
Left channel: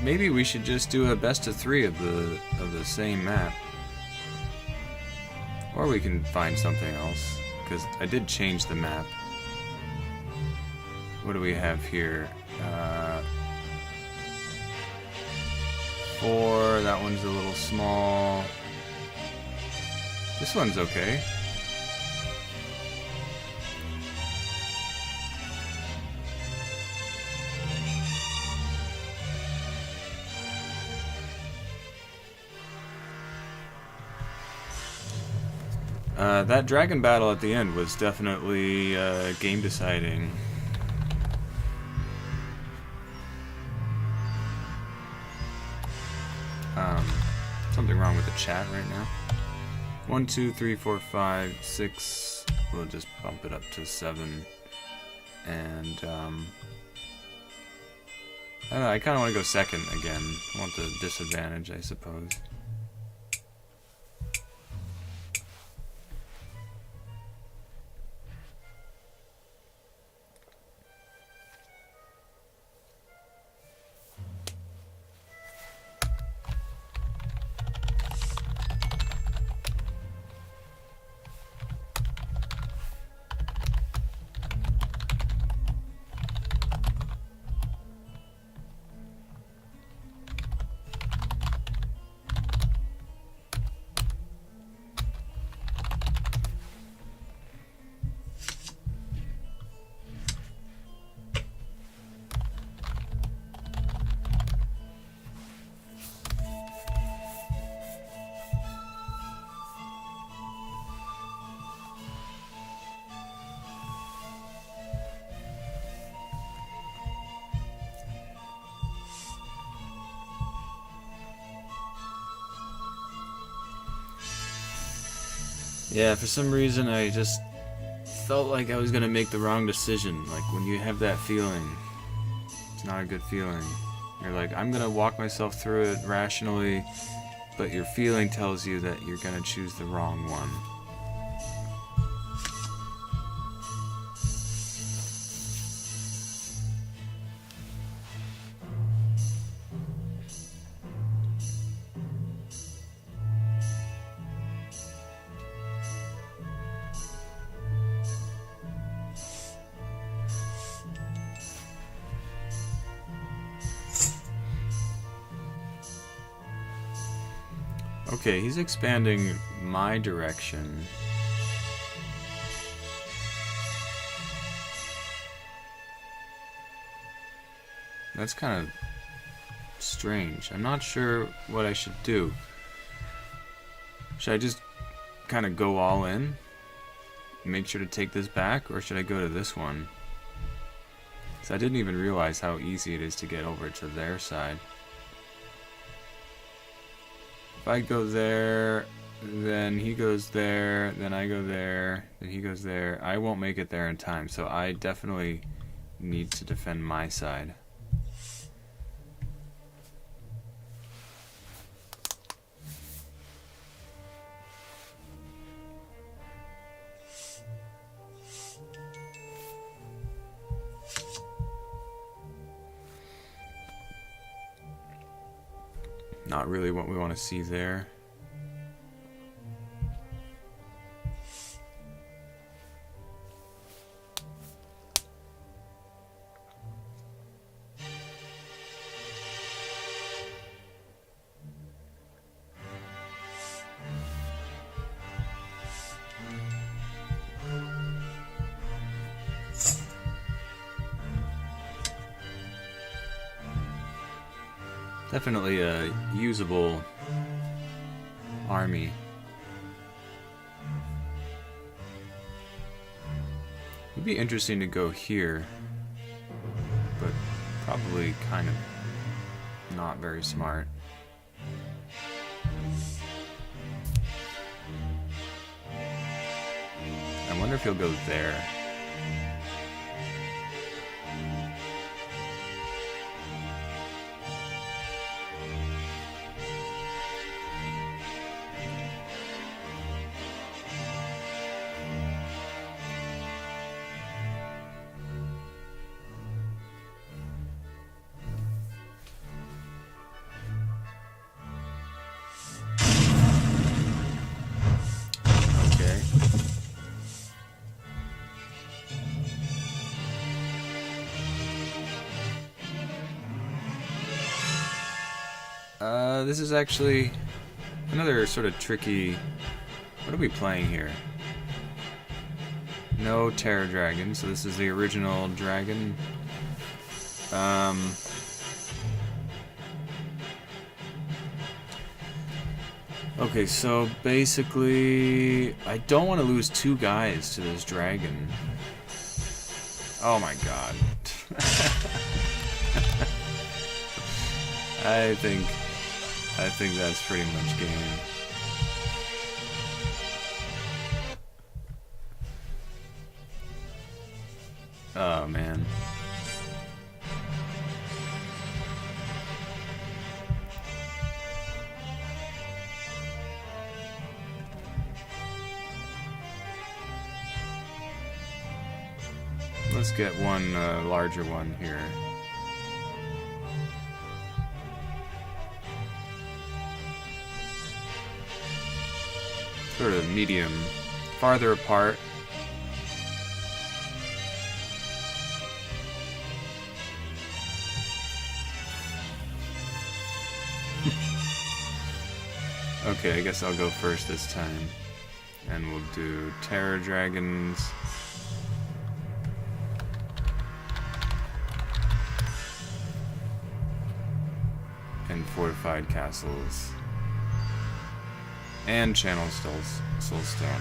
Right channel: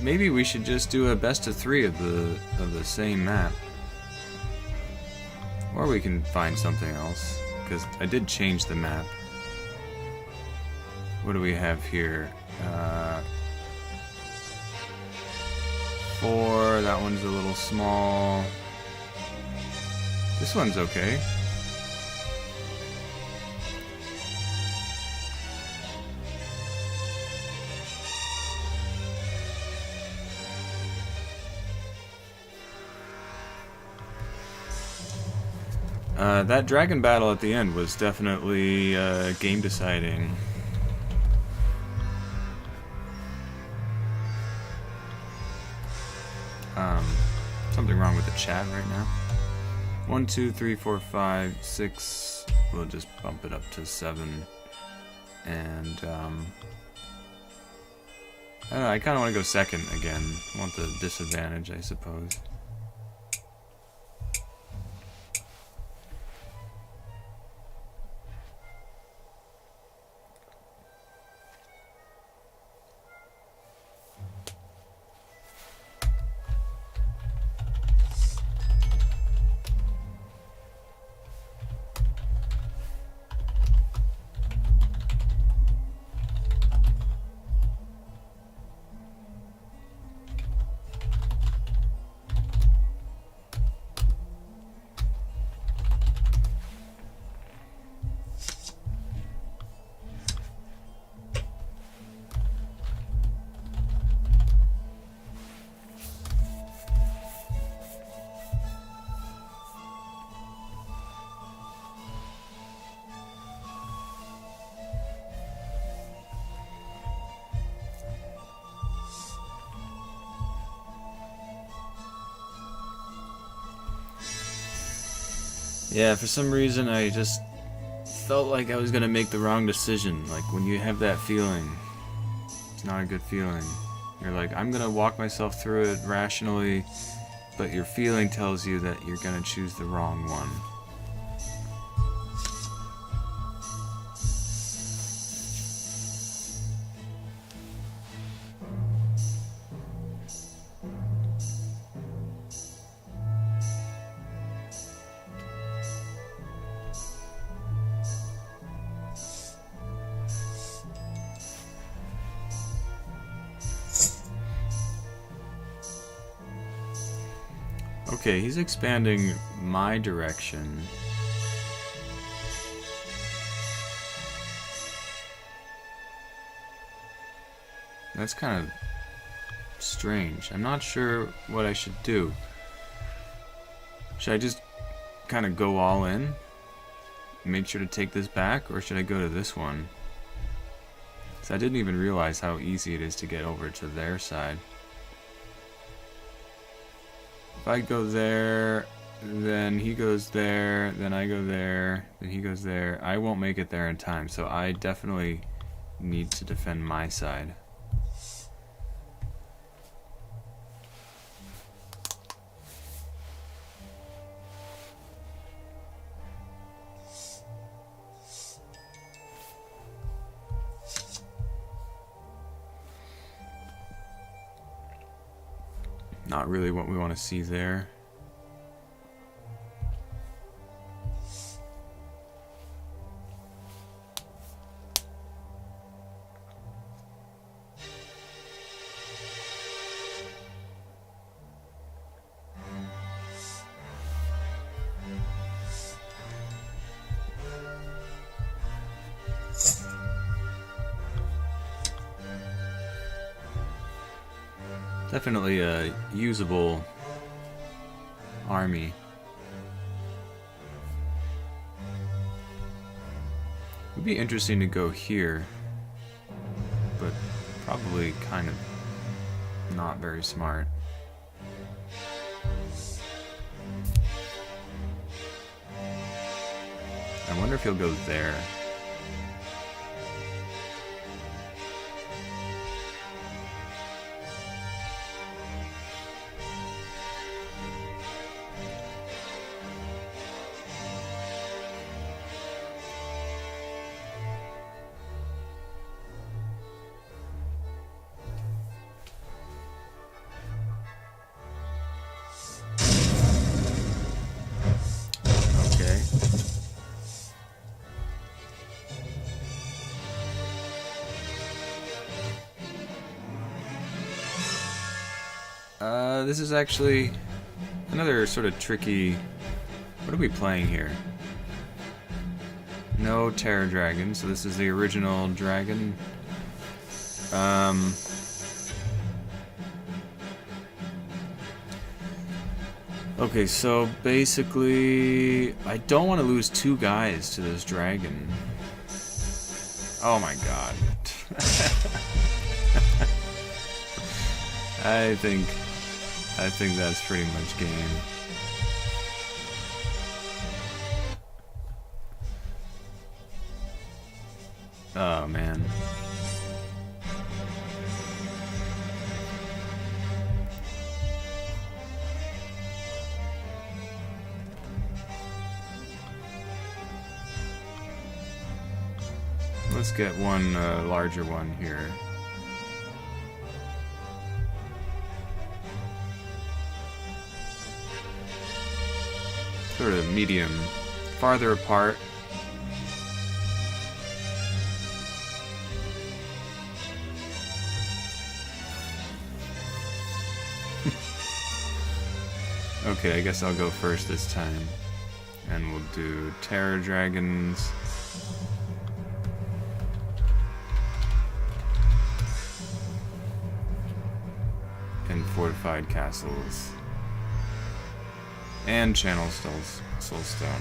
maybe we should just do a best of 3 of the same map, or we can find something else, because I did change the map. What do we have here? 4. That one's a little small. This one's okay. That dragon battle at the end was definitely game deciding. something wrong with the chat right now. 1, 2, 3, 4, 5, 6. We'll just bump it up to 7. And I don't know, I kind of want to go second again. I want the disadvantage, I suppose. Yeah, for some reason I just felt like I was gonna make the wrong decision. Like when you have that feeling, it's not a good feeling. You're like, I'm gonna walk myself through it rationally, but your feeling tells you that you're gonna choose the wrong one. Okay, he's expanding my direction. That's kind of strange. I'm not sure what I should do. Should I just kind of go all in? Make sure to take this back, or should I go to this one? So I didn't even realize how easy it is to get over to their side. If I go there, then he goes there, then I go there, then he goes there. I won't make it there in time, so I definitely need to defend my side. Not really what we want to see there. Definitely a usable army. It would be interesting to go here, but probably kind of not very smart. I wonder if he'll go there. This is actually another sort of tricky... What are we playing here? No Terror Dragon, so this is the original dragon. Okay, so basically, I don't want to lose two guys to this dragon. Oh my god. I think that's pretty much game. Oh, man. Let's get one larger one here. Sort of medium, farther apart. Okay, I guess I'll go first this time. And we'll do Terror Dragons. And Fortified Castles. And Channel Soulstone.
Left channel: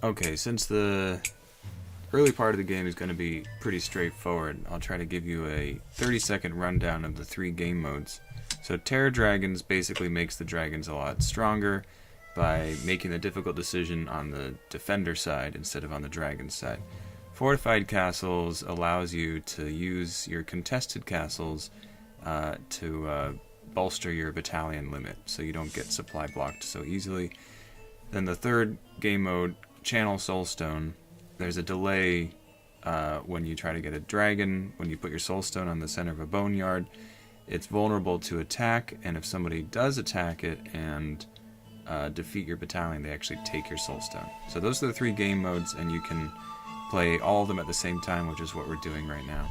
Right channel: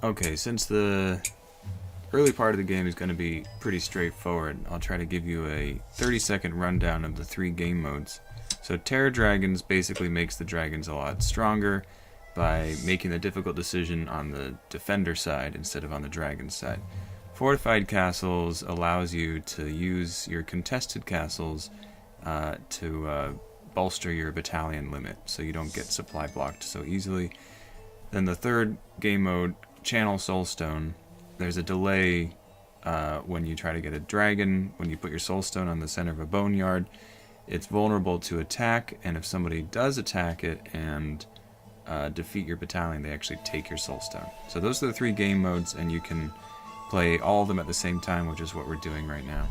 Okay, since the early part of the game is going to be pretty straightforward, I'll try to give you a 30-second rundown of the 3 game modes. So Terror Dragons basically makes the dragons a lot stronger by making the difficult decision on the defender side instead of on the dragon side. Fortified Castles allows you to use your contested castles to bolster your battalion limit so you don't get supply blocked so easily. Then the third game mode, Channel Soulstone, there's a delay when you try to get a dragon. When you put your Soulstone on the center of a boneyard, it's vulnerable to attack, and if somebody does attack it and defeat your battalion, they actually take your Soulstone. So those are the 3 game modes, and you can play all of them at the same time, which is what we're doing right now.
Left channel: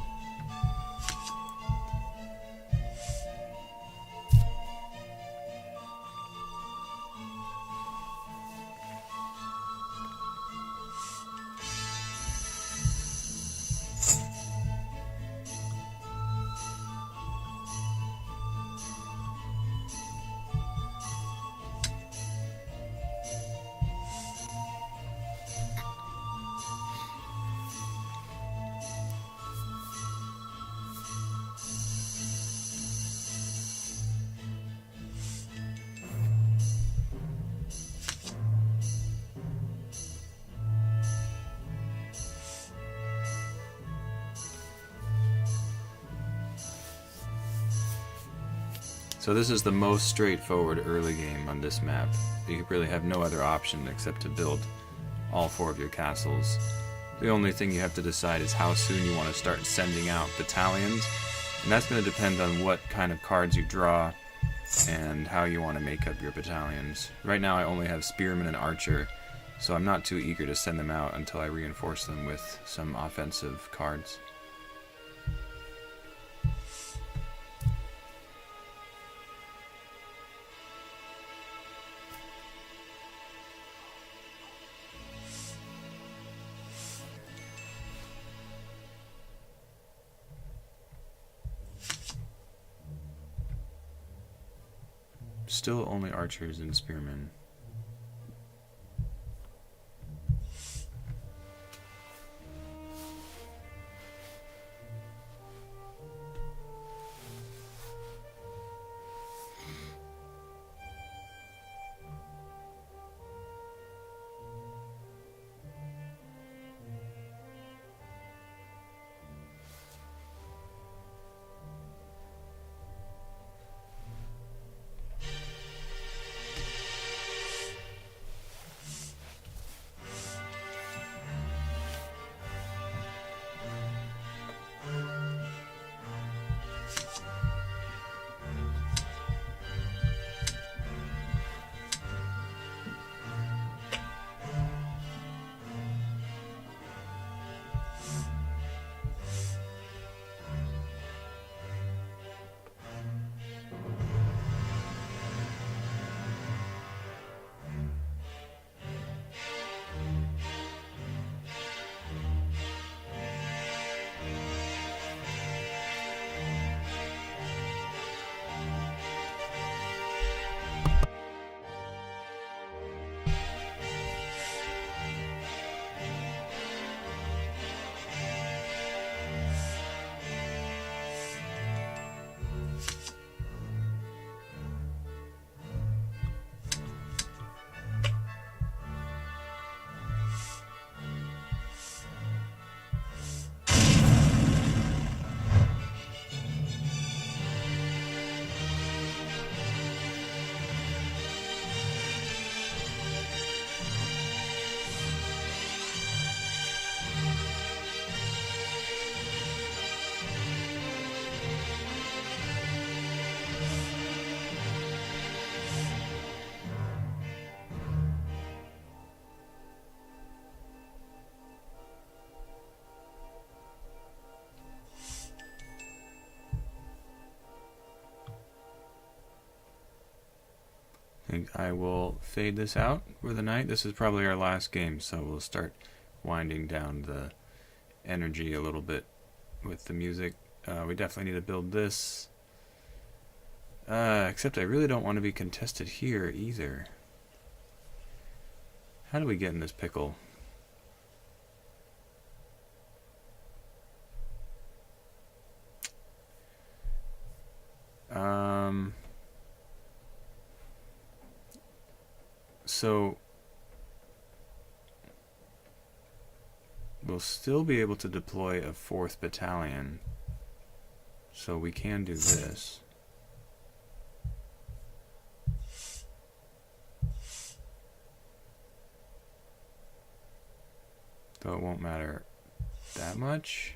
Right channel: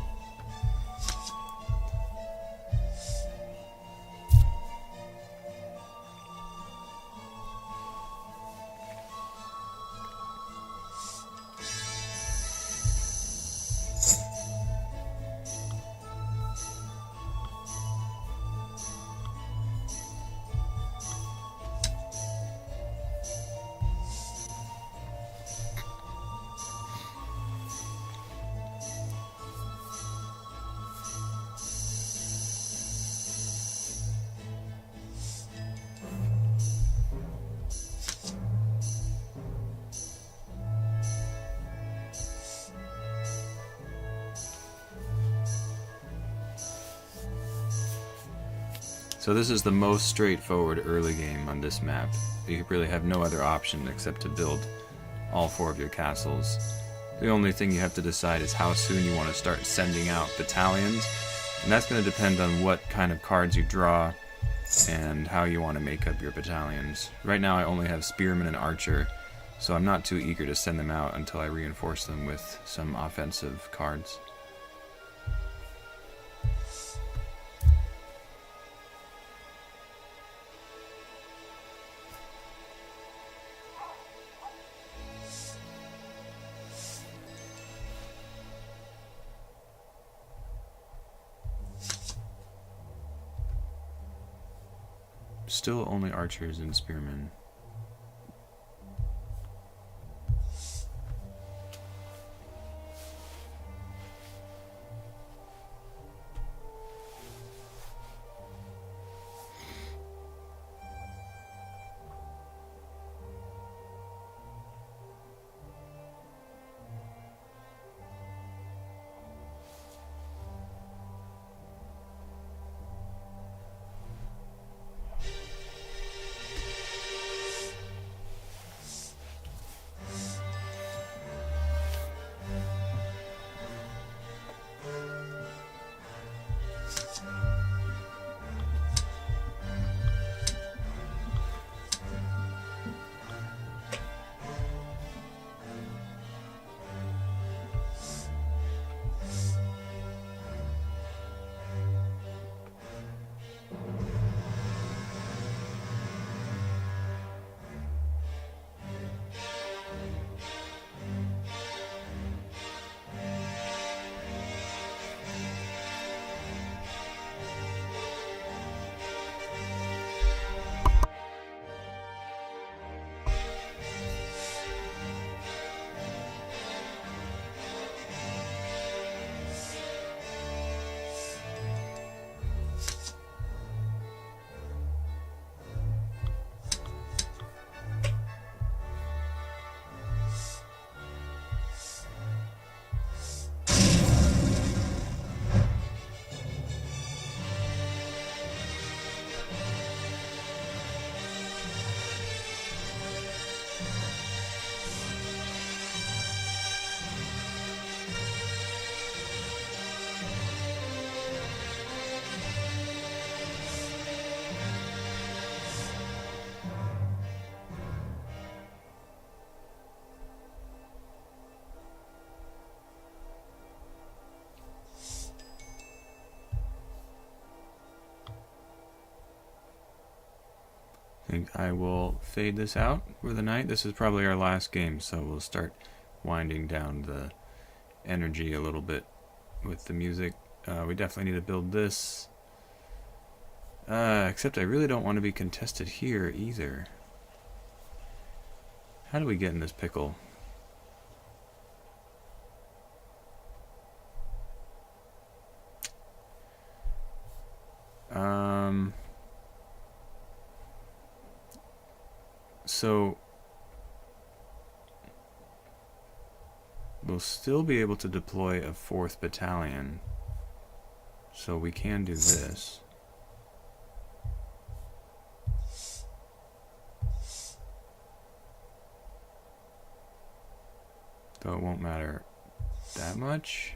So this is the most straightforward early game on this map. You really have no other option except to build all 4 of your castles. The only thing you have to decide is how soon you want to start sending out battalions, and that's going to depend on what kind of cards you draw and how you want to make up your battalions. Right now I only have Spearman and Archer, so I'm not too eager to send them out until I reinforce them with some offensive cards. Still only archers and spearmen. think I will fade this out for the night. This is probably our last game, so we'll start winding down the energy a little bit with the music. We definitely need to build this. Except I really don't want to be contested here either. How do we get in this pickle? So we'll still be able to deploy a 4th battalion. So we can do this. Though it won't matter that much.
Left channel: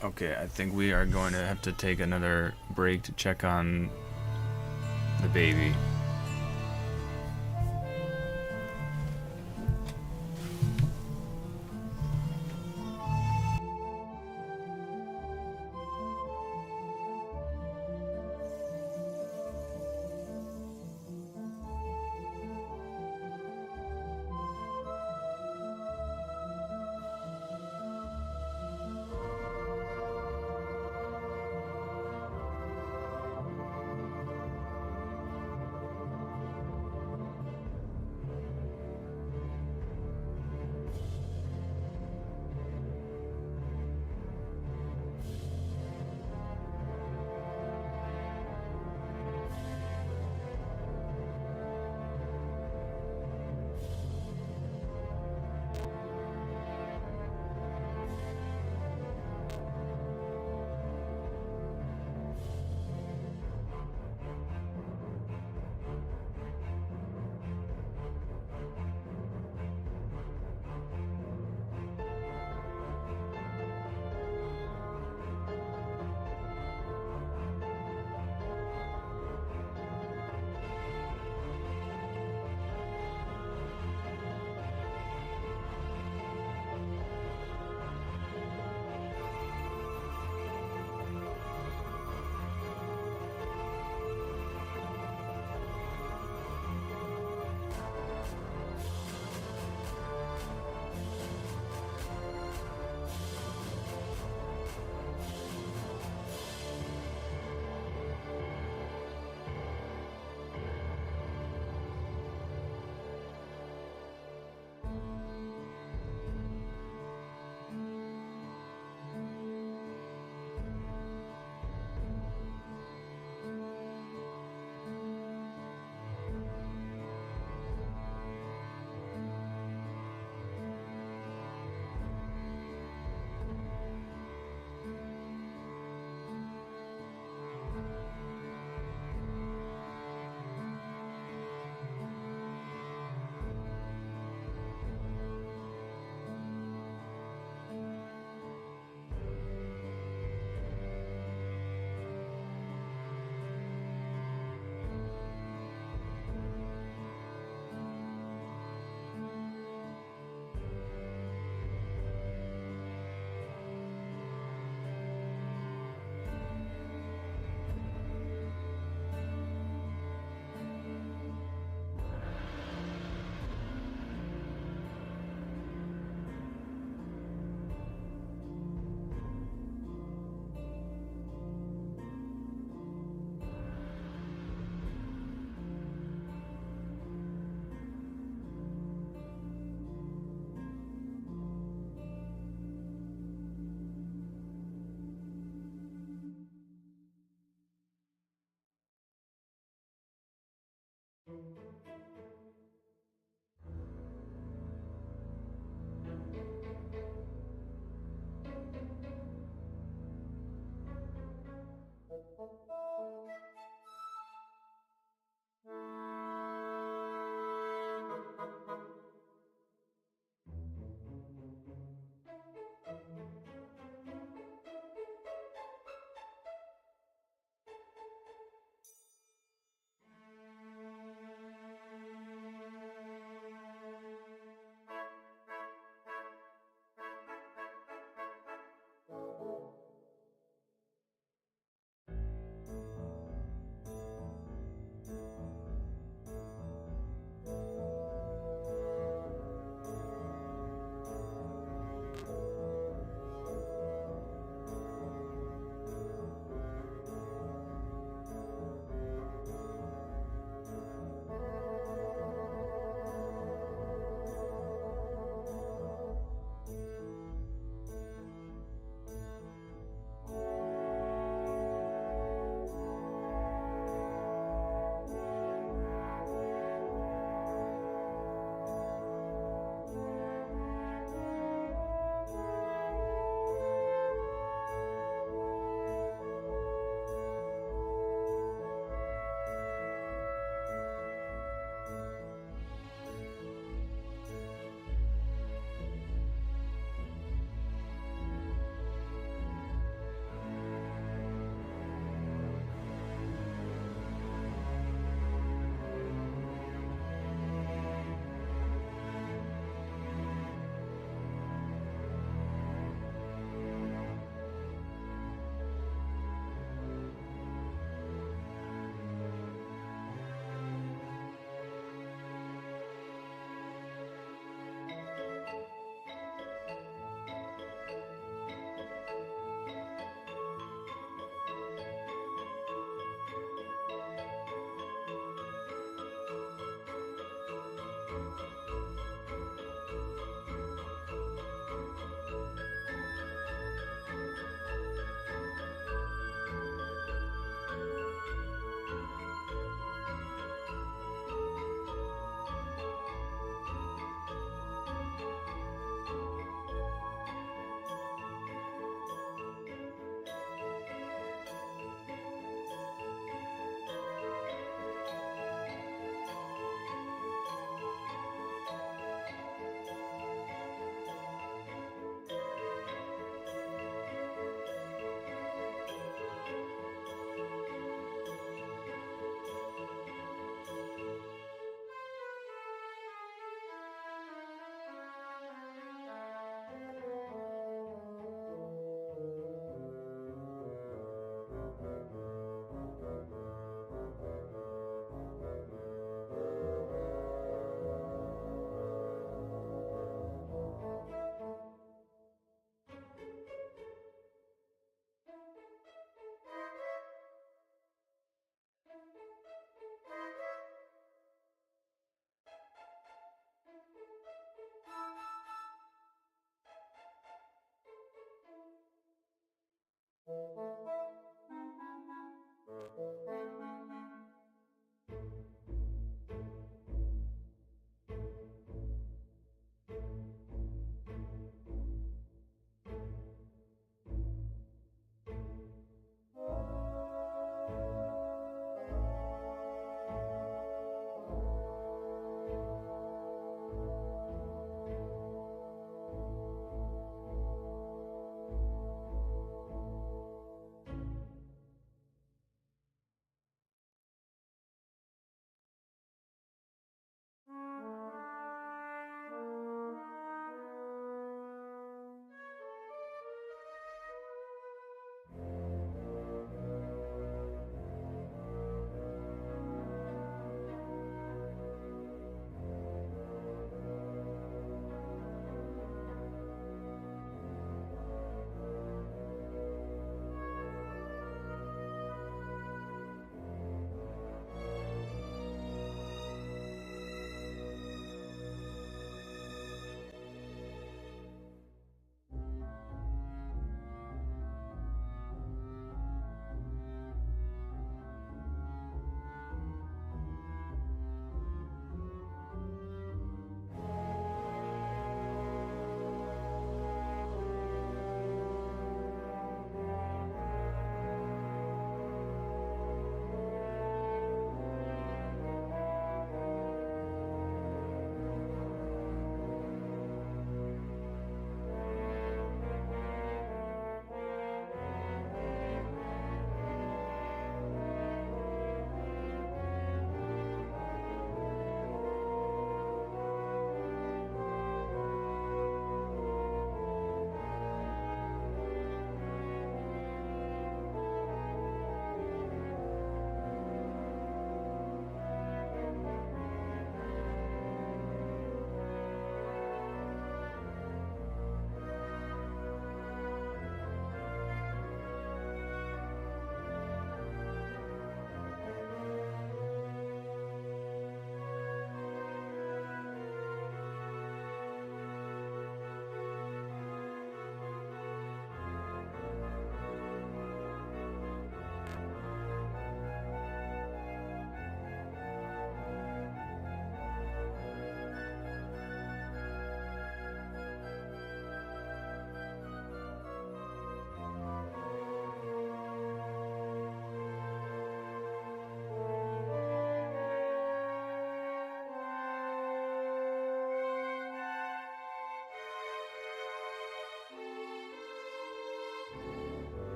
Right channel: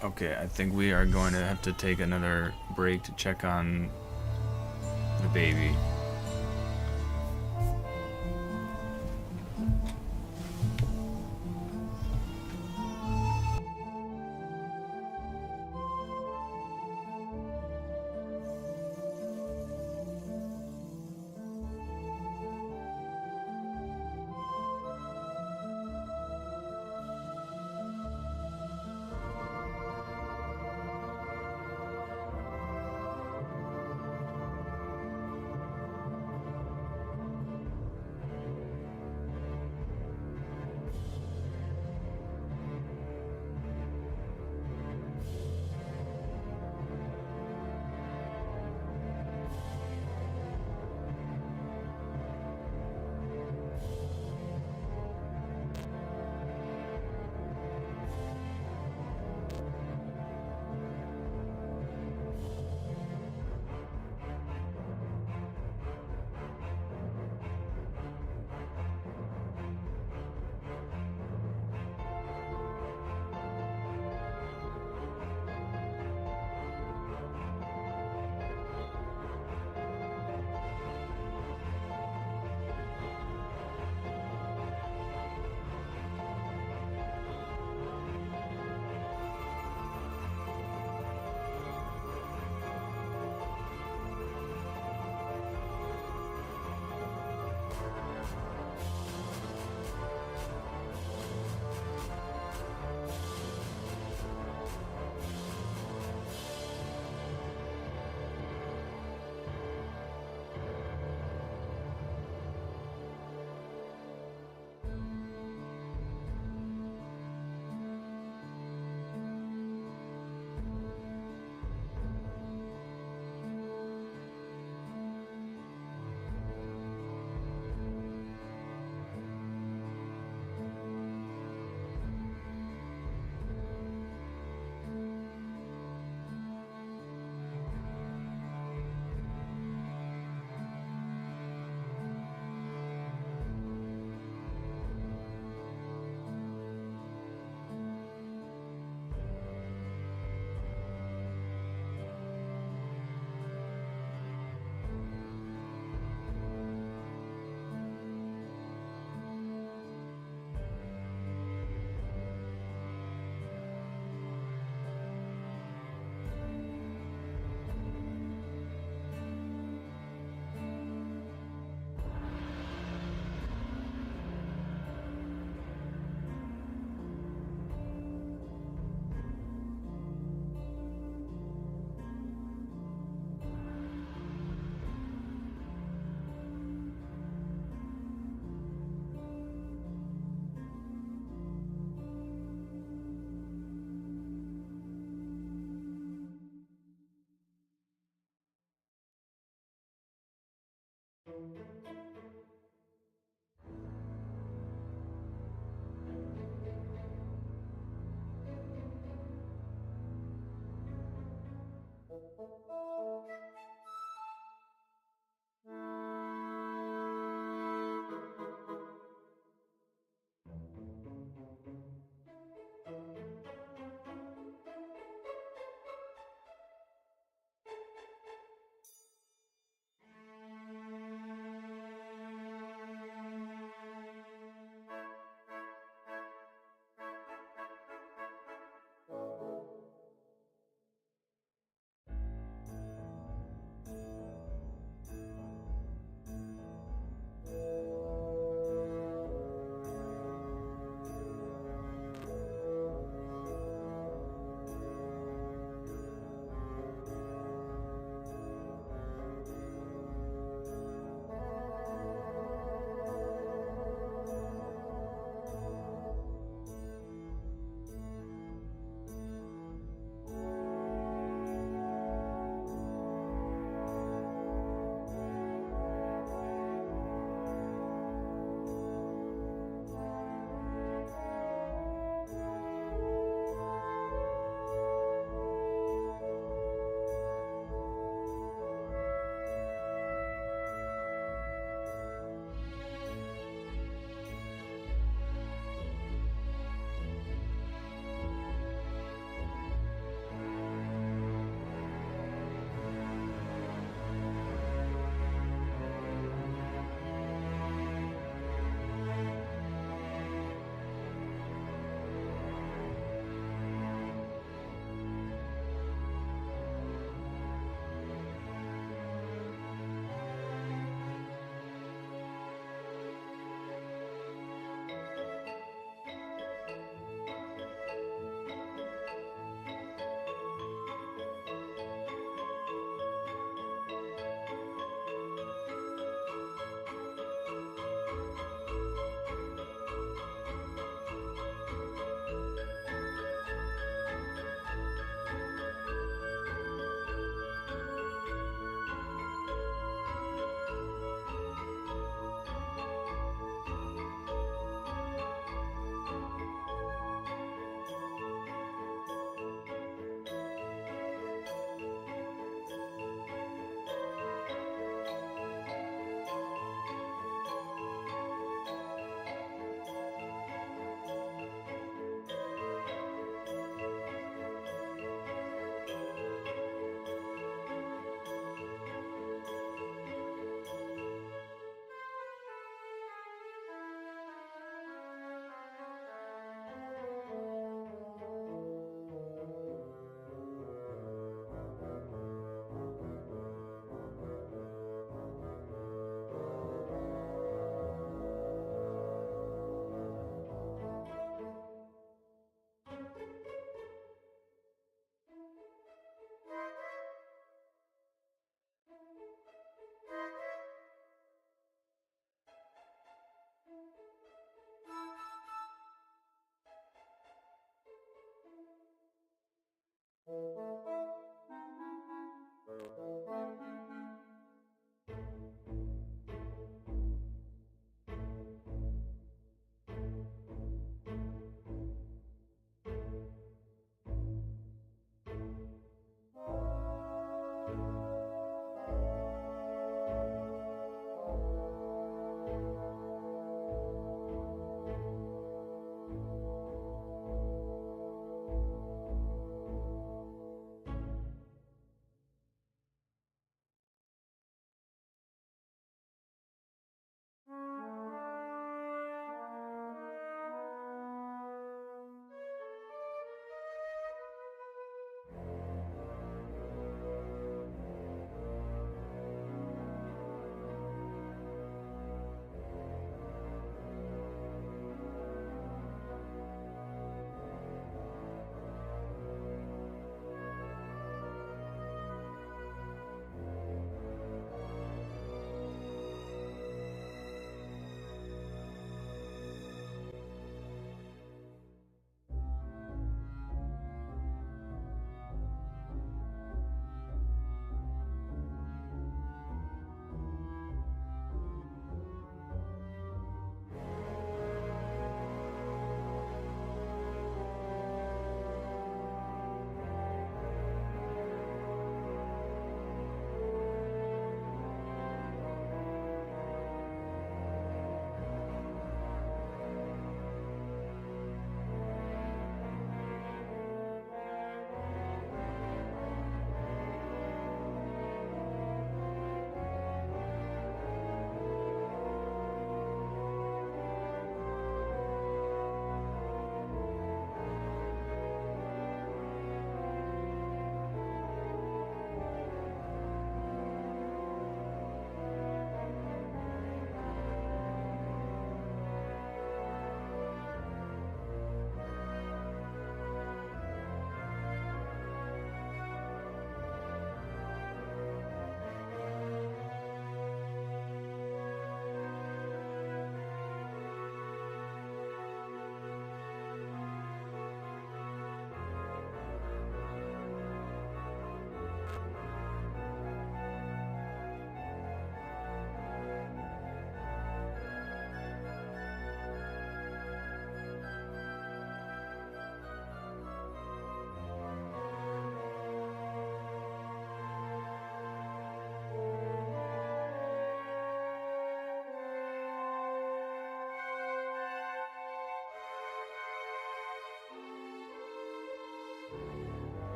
Okay, I think we are going to have to take another break to check on the baby.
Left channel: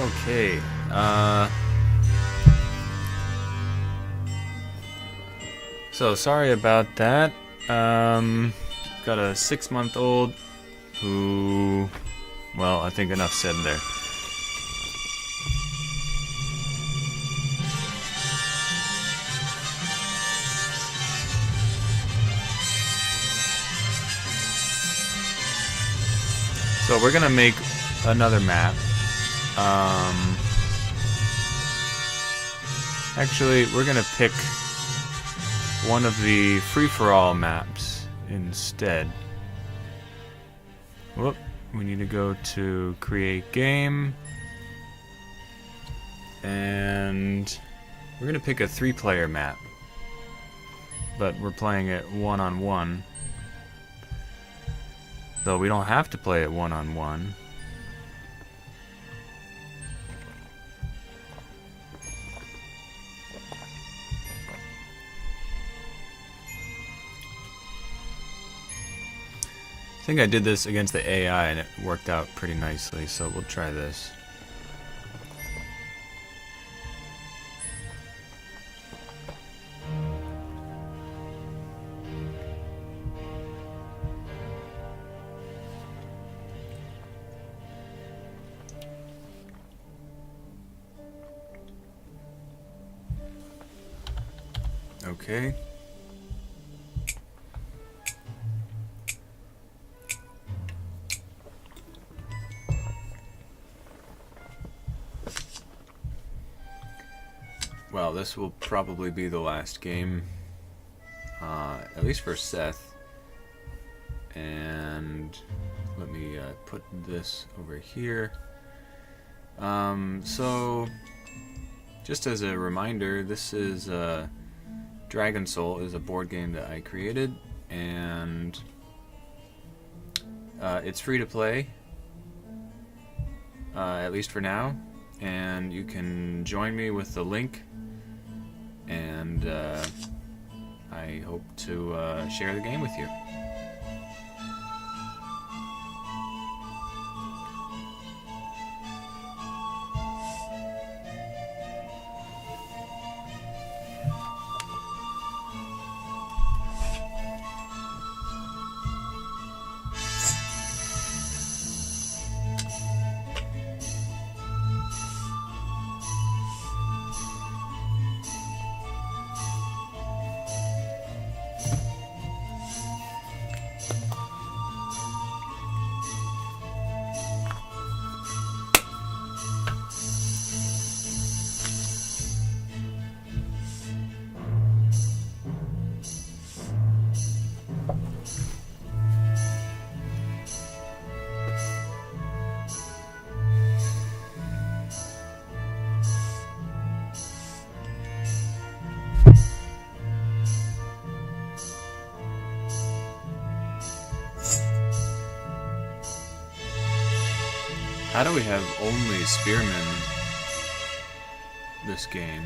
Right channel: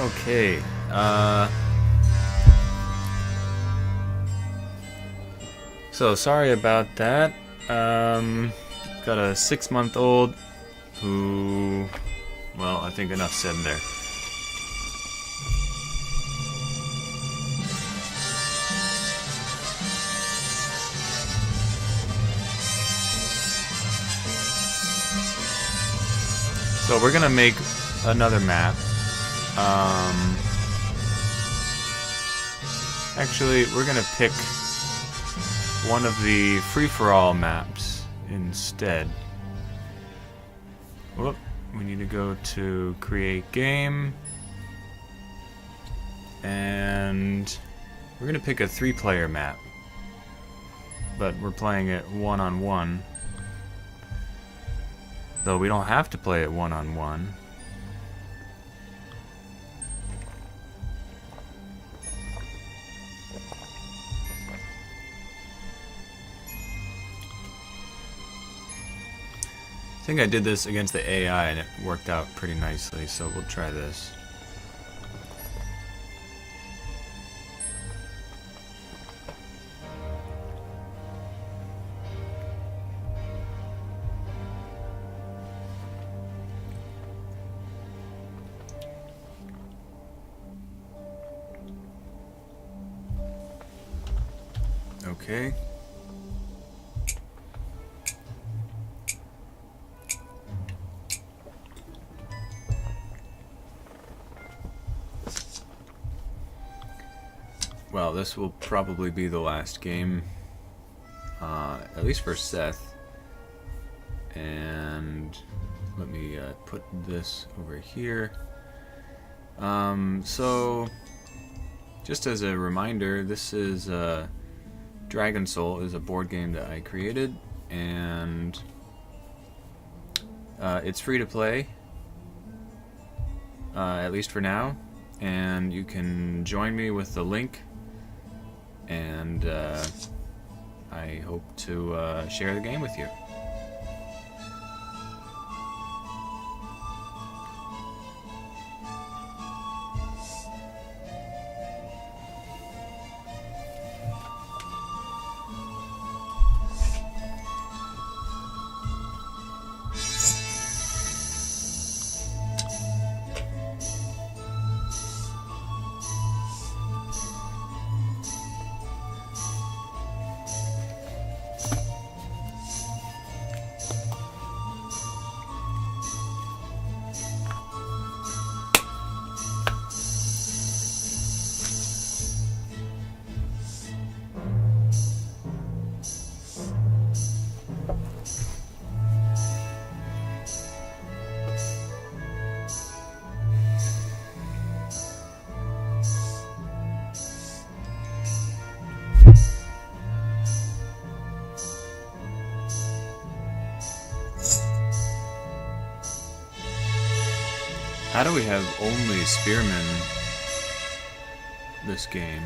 Okay. So sorry about that. Got a 6-month-old who, well, I think enough said there. So we're gonna make another map. Actually, we're gonna pick one of the free-for-all maps instead. Whoop, we need to go to create game, and we're gonna pick a 3-player map, but we're playing it one-on-one, though we don't have to play it one-on-one. I think I did this against the AI and it worked out pretty nicely, so we'll try this. Okay. Well, this will probably be the last game, at least for Seth. And let me put this over here. So, just as a reminder, this is Dragon Soul is a board game that I created, and it's free to play, at least for now. And you can join me with the link, and I hope to share the game with you. How do we have only spearmen this game?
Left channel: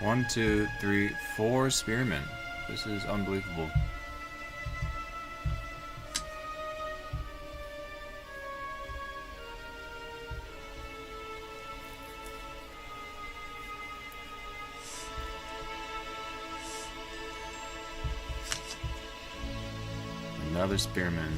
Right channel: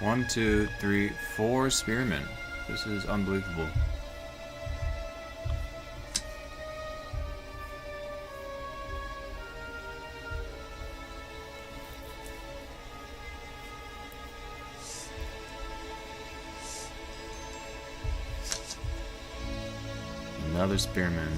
1, 2, 3, 4 spearmen. This is unbelievable. Another spearman.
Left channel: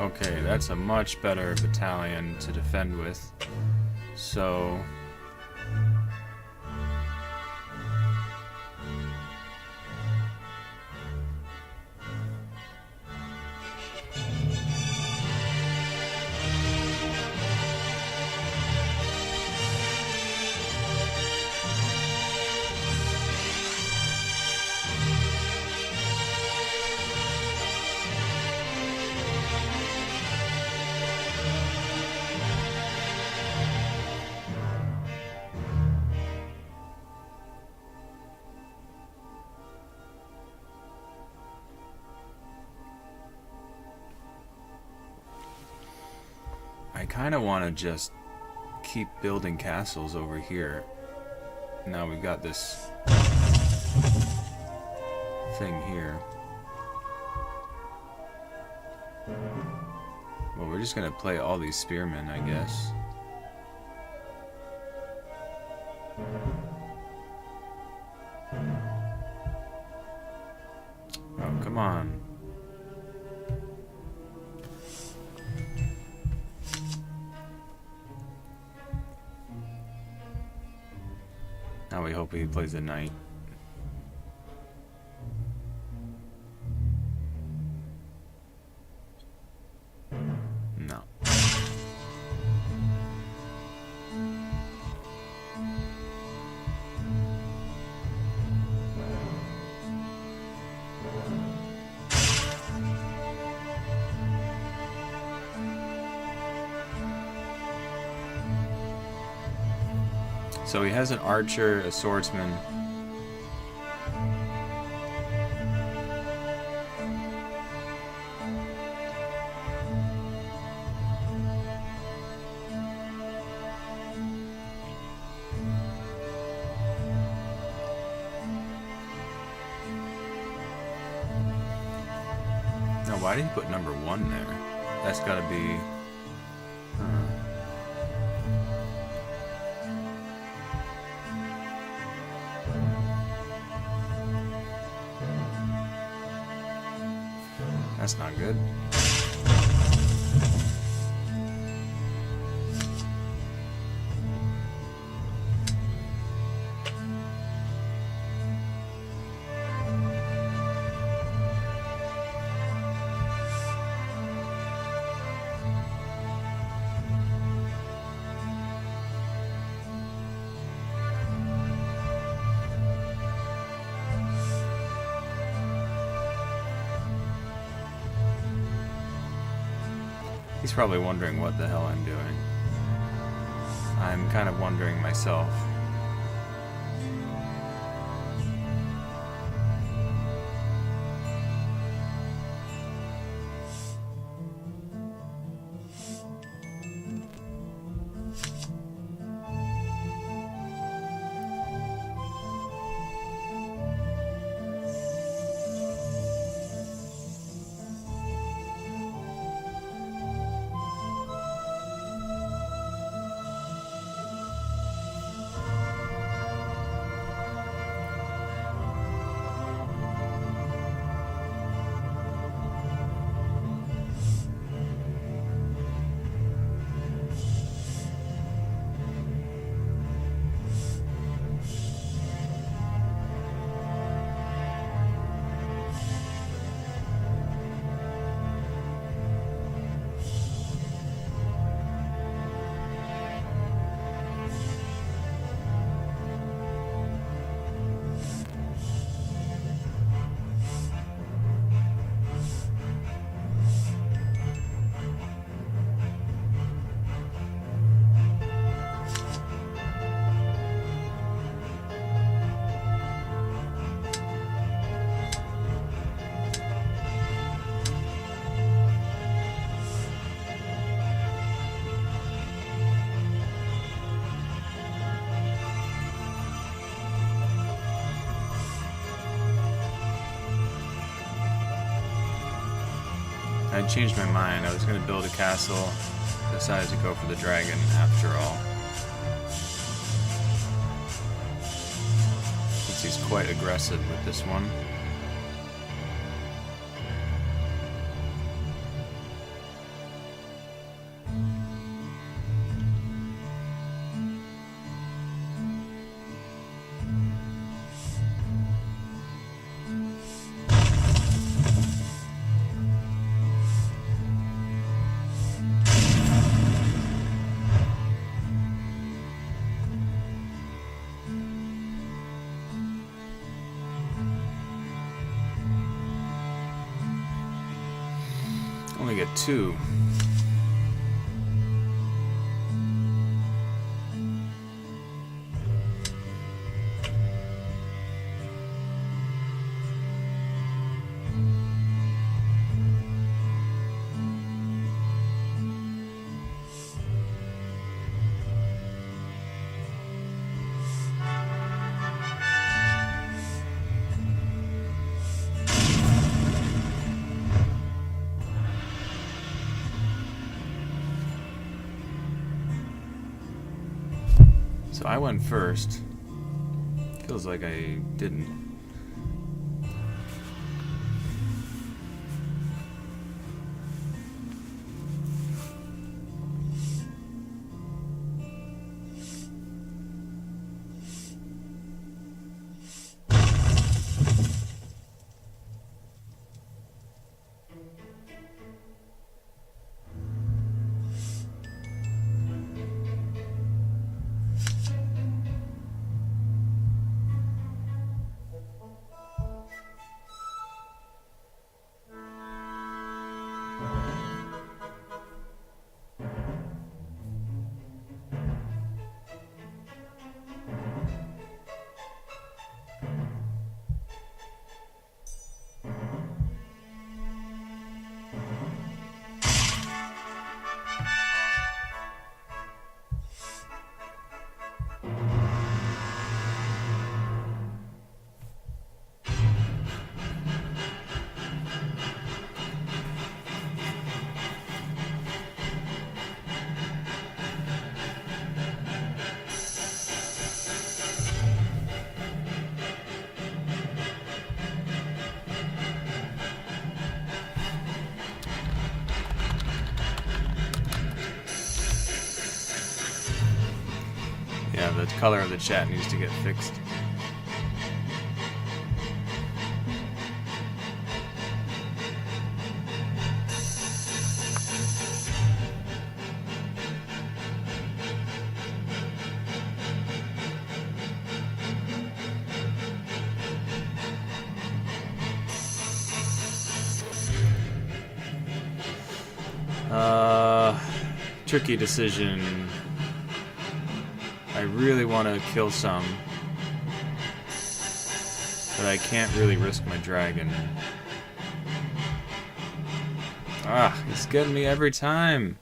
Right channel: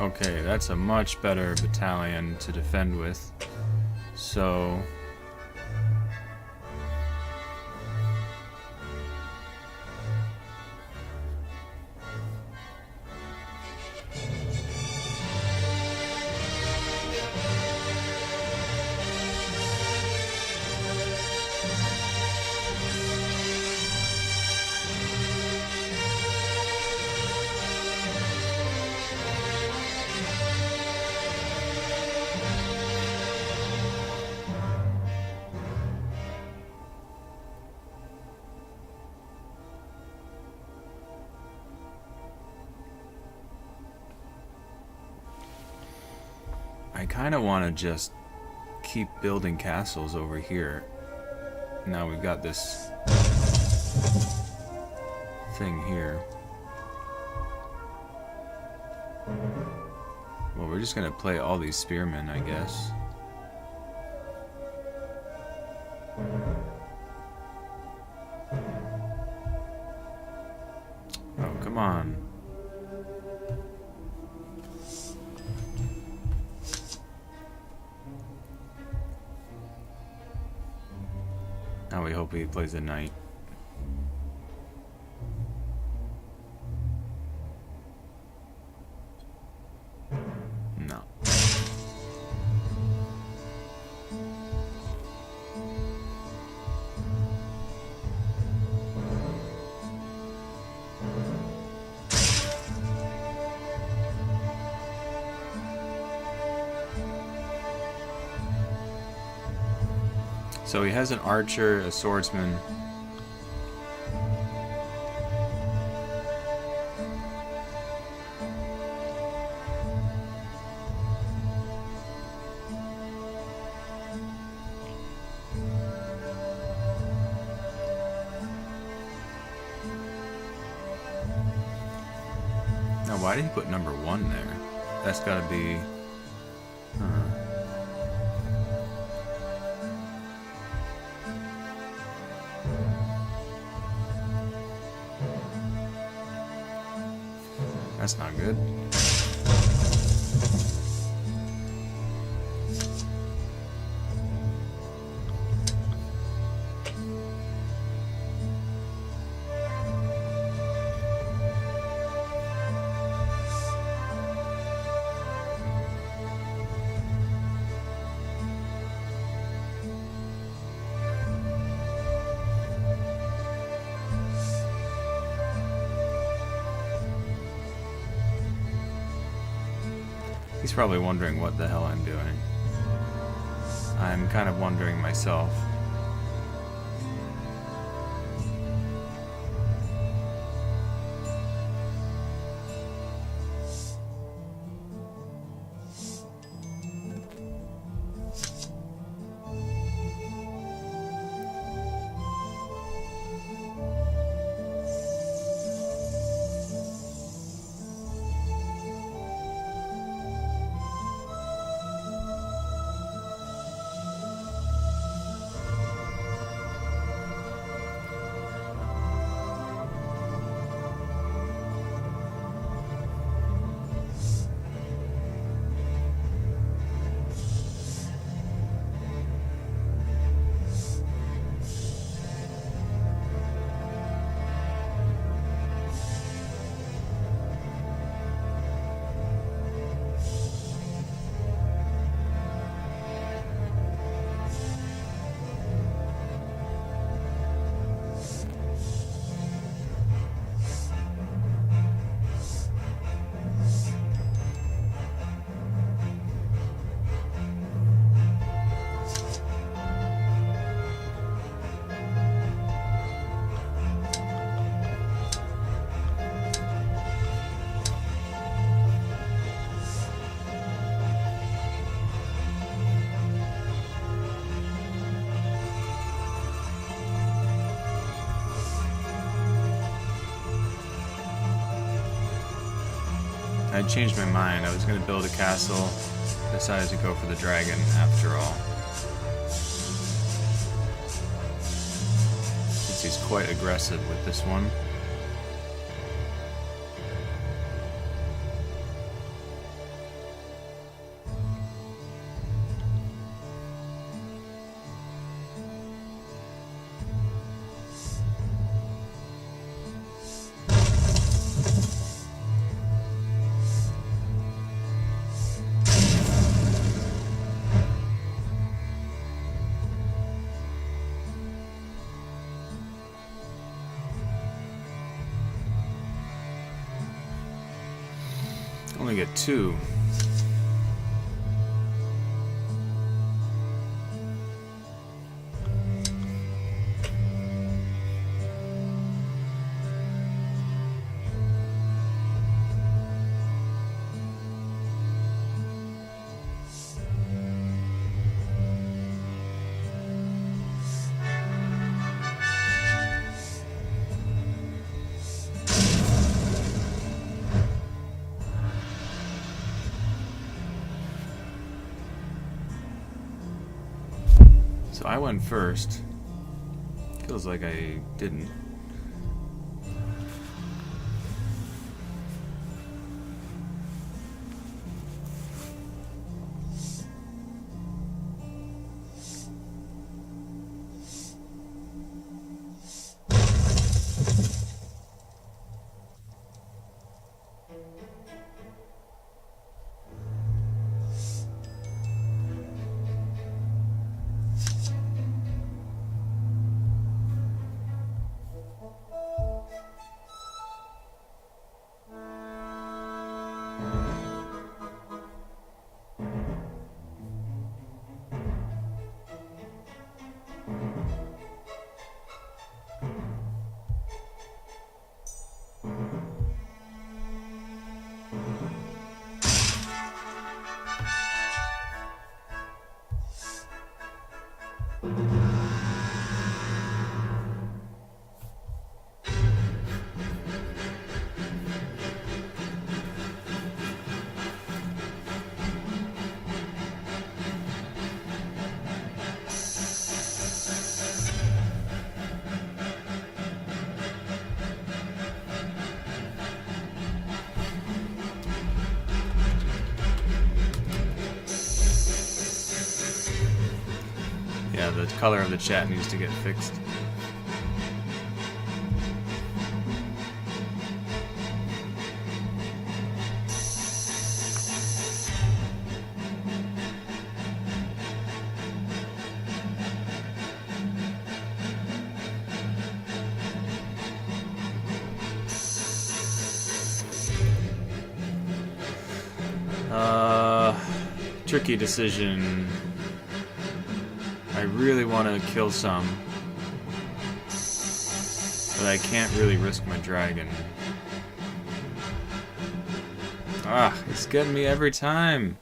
Okay, that's a much better battalion to defend with. So... I kind of want to just keep building castles over here. Now we've got this thing here. Well, we're just gonna play all these spearmen, I guess. Oh, come on. Now we hope he plays a knight. No. So he has an archer, a swordsman. Now, why did he put number 1 there? That's gotta be... Huh. That's not good. He's probably wondering what the hell I'm doing. I'm kind of wondering myself. I changed my mind. I was going to build a castle. Decided to go for the dragon after all. Since he's quite aggressive with this one. only get 2. So I went first. Feels like I didn't. Yeah, the color of the chat needs to get fixed. Tricky decision. I really want to kill some, but I can't really risk my dragon. Ah, he's getting me every time.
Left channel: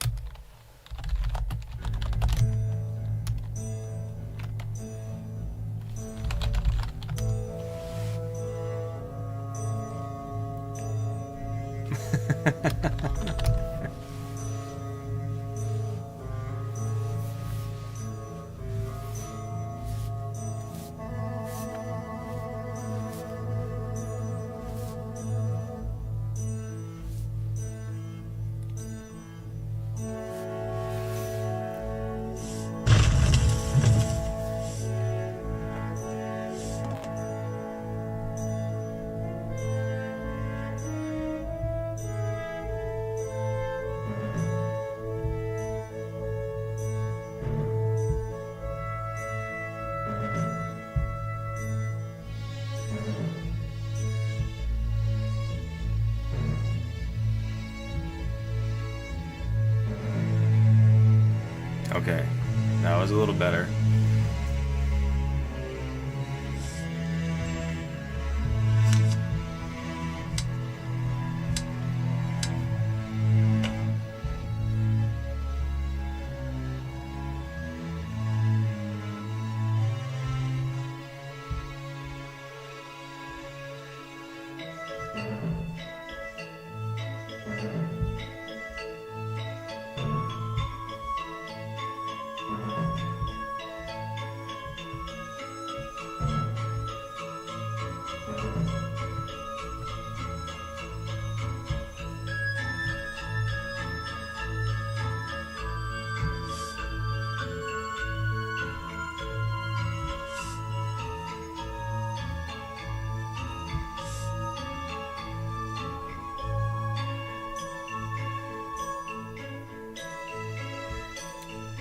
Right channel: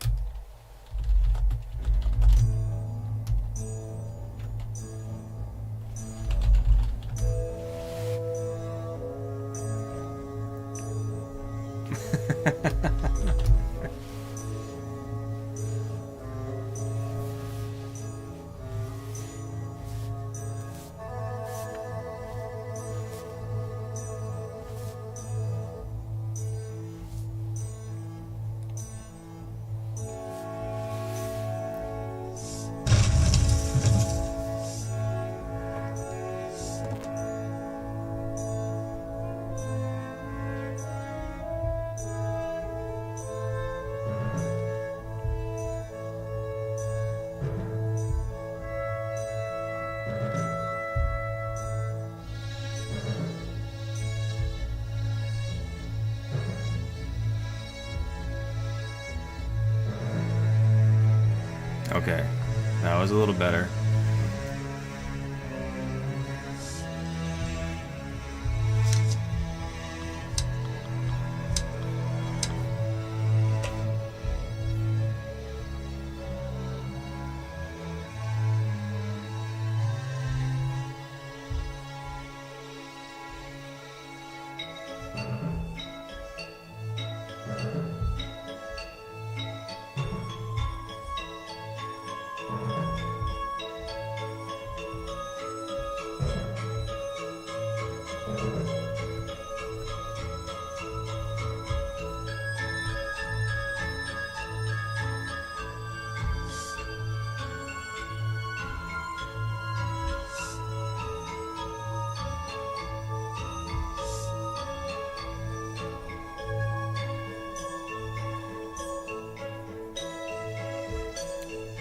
Okay, that was a little better.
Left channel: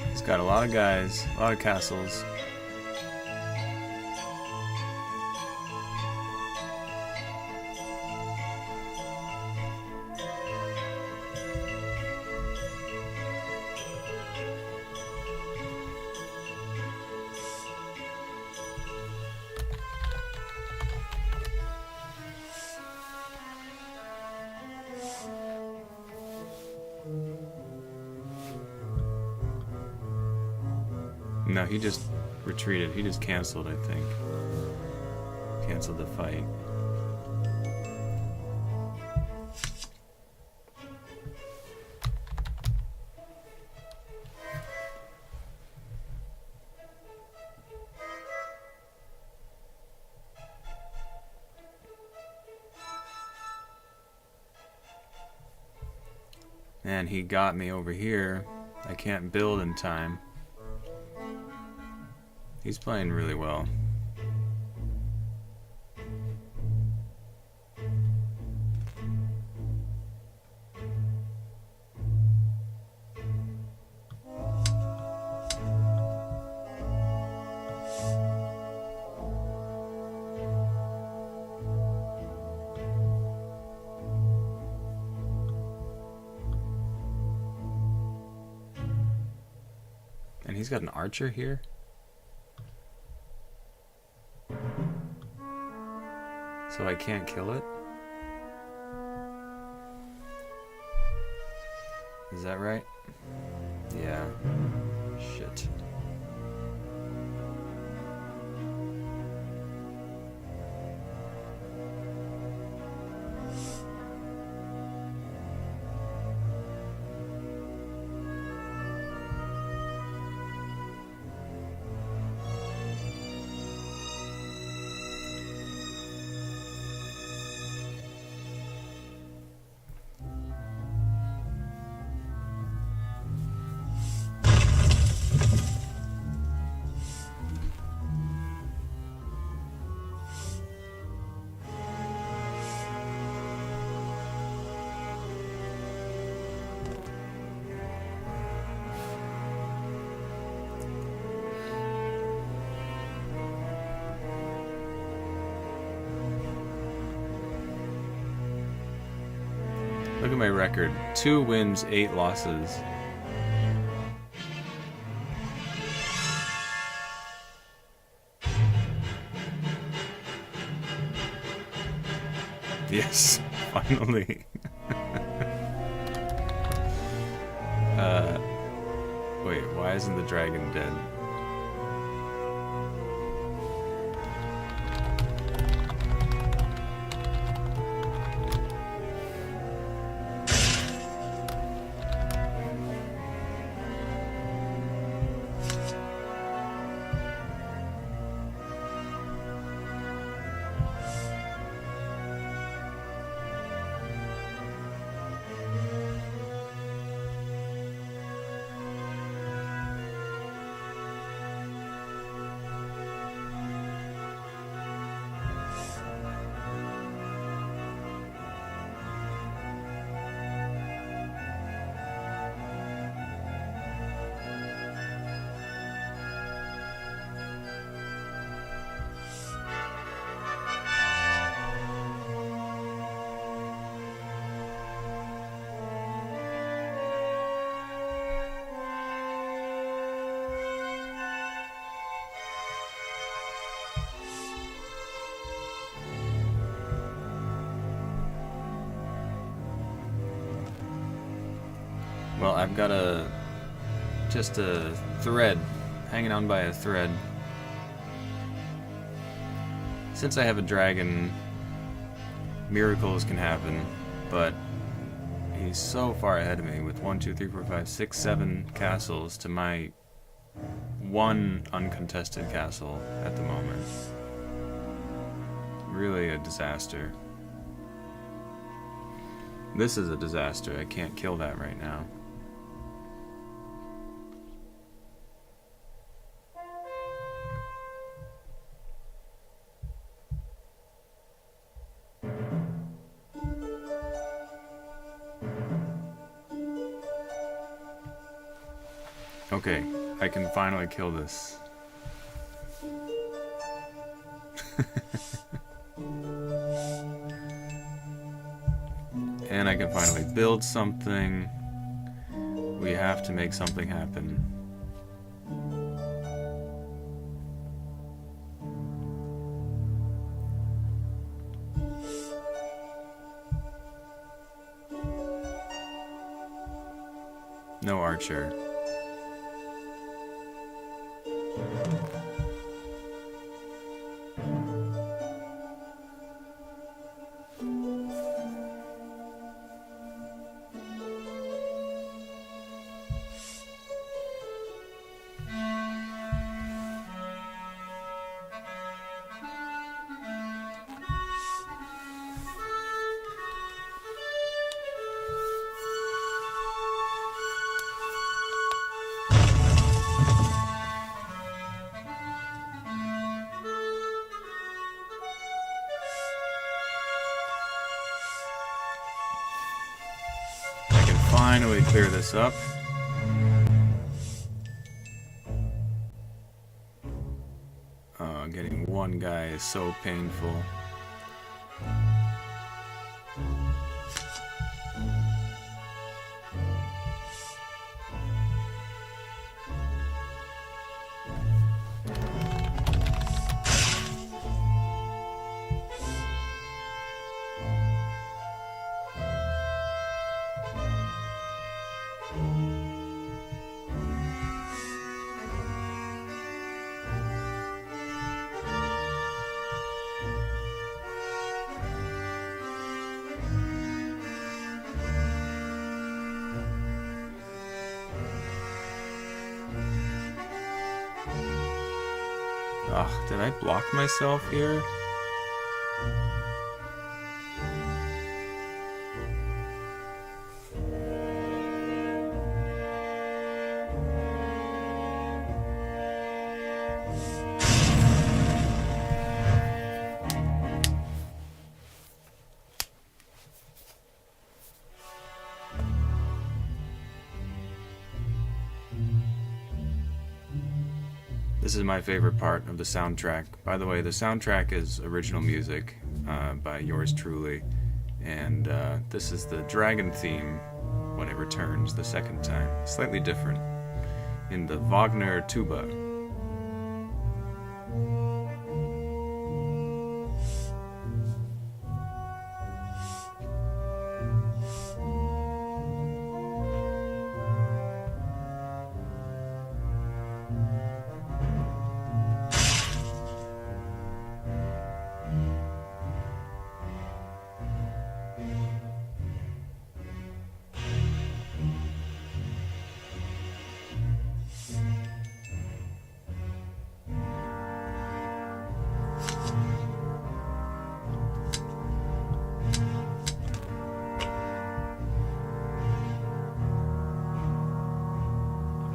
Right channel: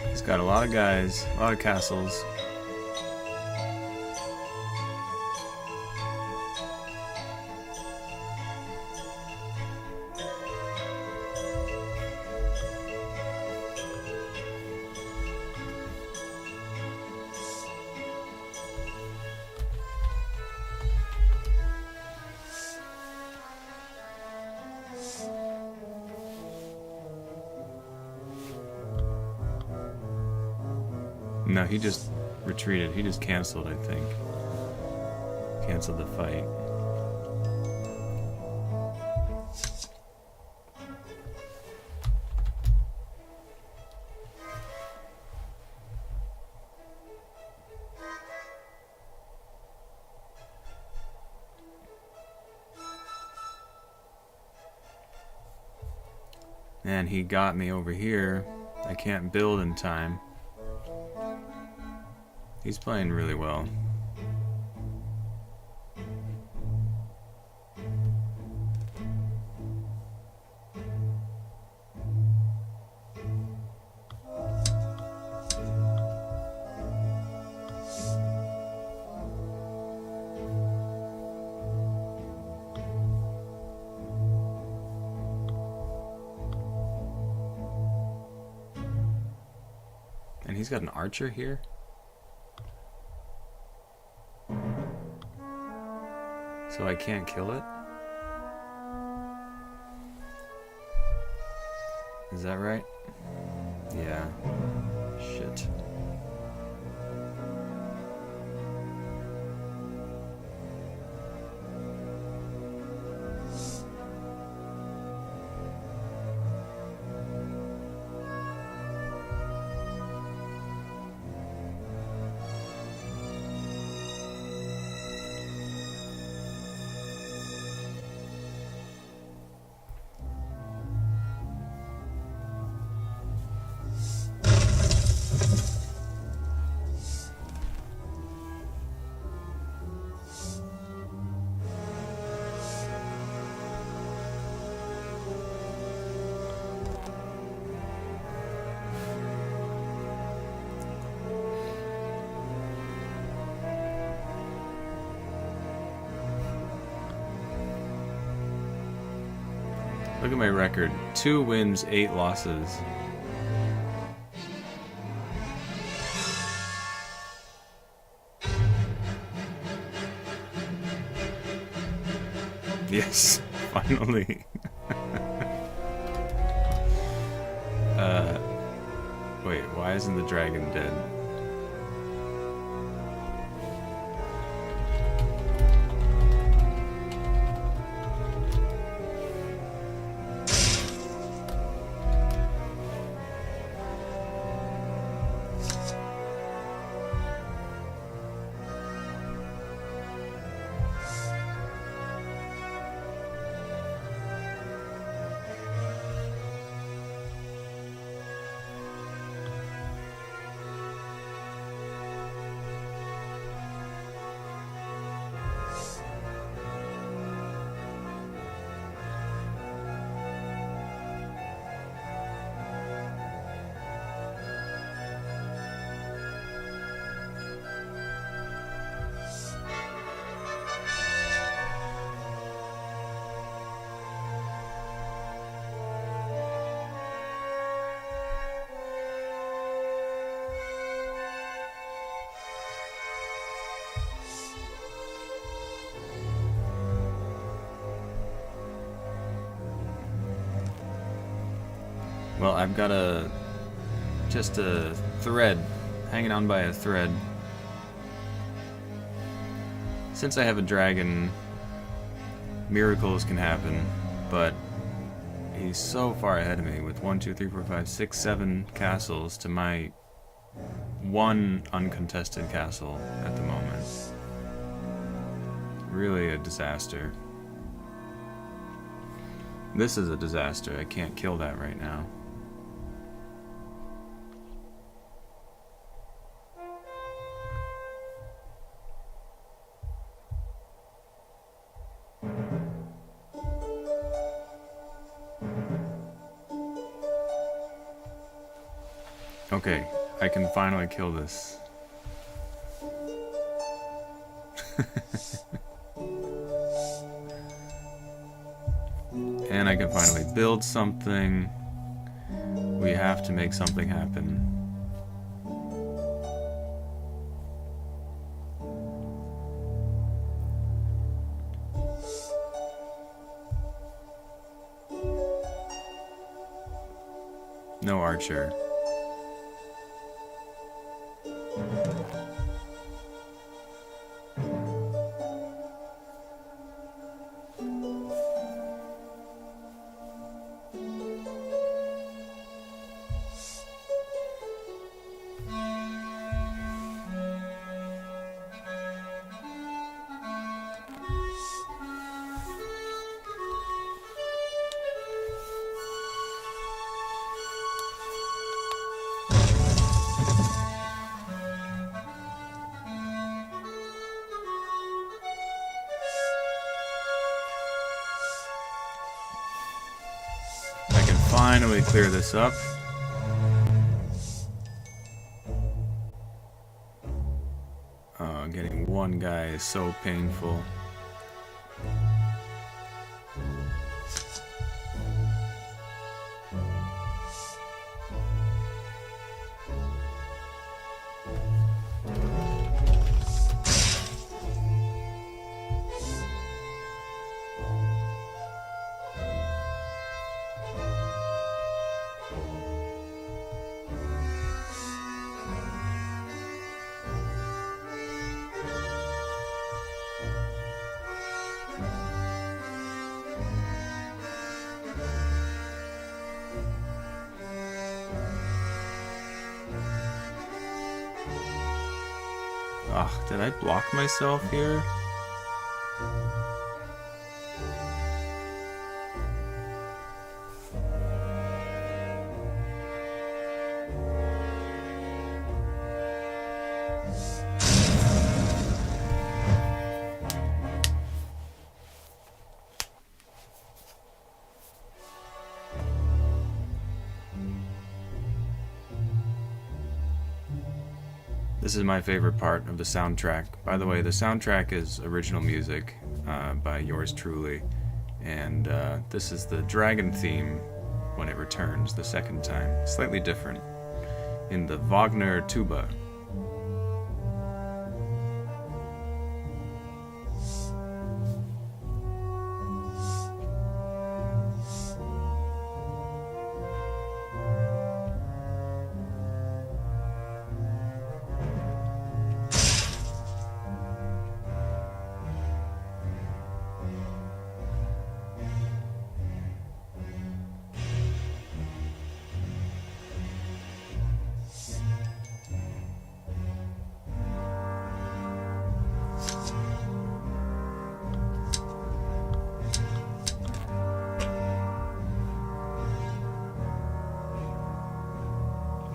He's got a lot of guys, a lot of castles. No, he just retreated. He just canceled, I think. Canceled the fight. And he got me over here. I can't build in time. He's playing really well. And he's got an archer here? So I can't kill it? Is that right? Yeah. Shit. Look at my record. 2 wins, 8 losses. Yes, finally. Wait, why isn't the dragon dead? Well, I've got just a thread, hanging on by a thread. Since I have a dragon, miracles can happen, but he's so far ahead of me with 1, 2, 3, 4, 5, 6, 7 castles to my 1 uncontested castle at the moment. Really a disaster. This is a disaster. I can't kill that right now. Okay, I can finally kill this. And I can finally build something. We have to make something happen. No archer. Finally clear this up. Getting one guy is so painful. Ugh, did I block myself here? This is my favorite part of the soundtrack. By the way, the soundtrack is original music by yours truly, and this is the dragon theme when it returns the second time. Slightly different in the Wagner tuba.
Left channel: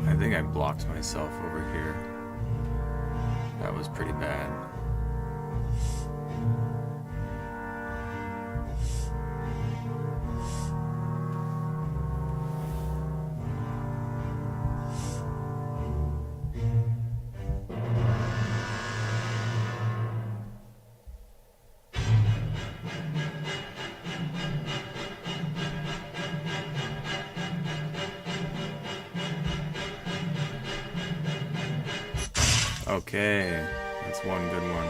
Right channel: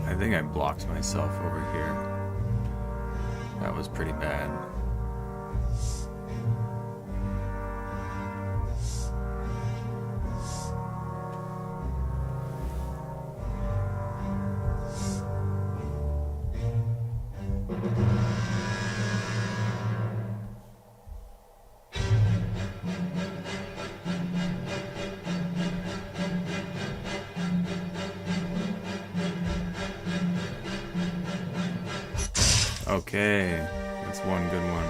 I think I blocked myself over here. That was pretty bad. Okay, that's one good one.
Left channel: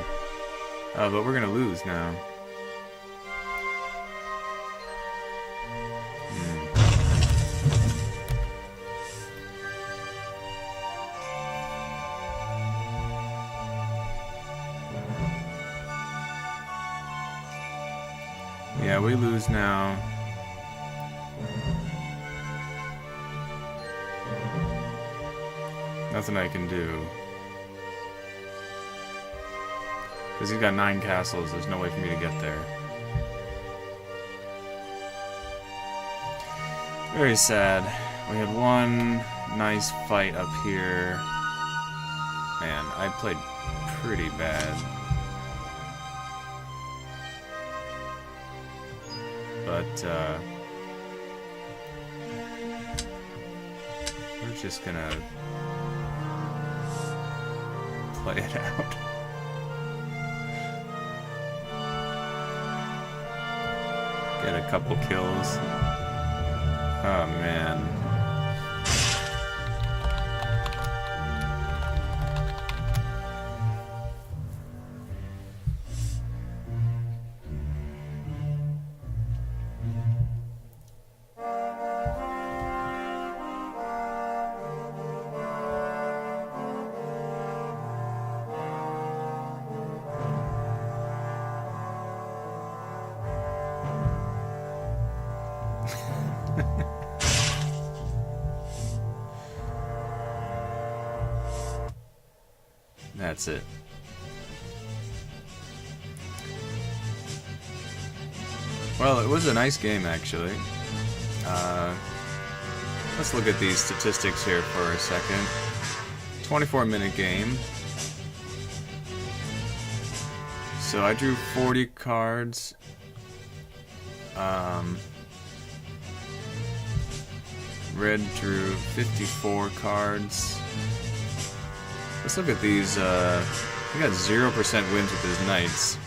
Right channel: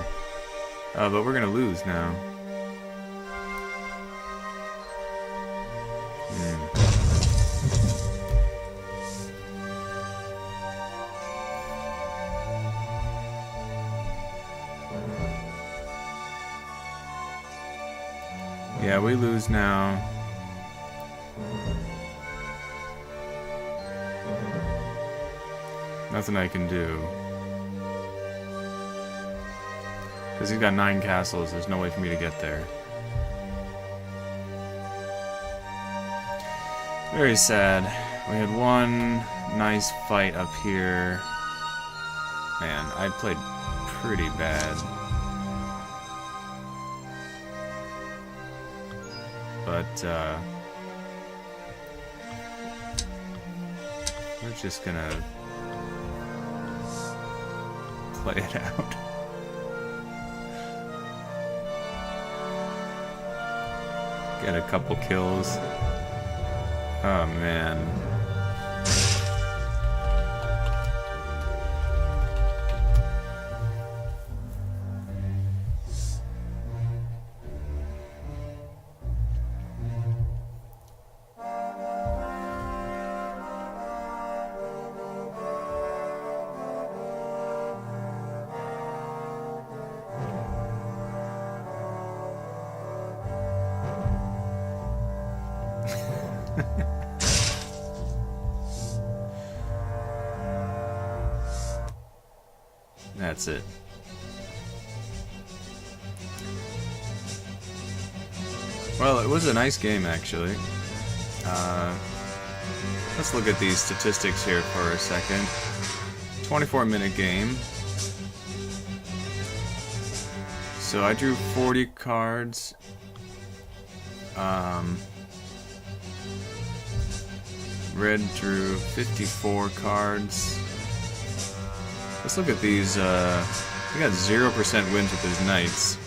But we're gonna lose now. Yeah, we lose now. Nothing I can do. Because he's got 9 castles, there's no way for me to get there. Very sad. We had one nice fight up here. Man, I played pretty bad. But, we're just gonna play it out. Get a couple kills. Oh man. That's it. Well, it was a nice game, actually. Let's look at these statistics here for a second. 24-minute game. So I drew 40 cards. Red drew 54 cards. Let's look at these. He got 0% wins with his knights.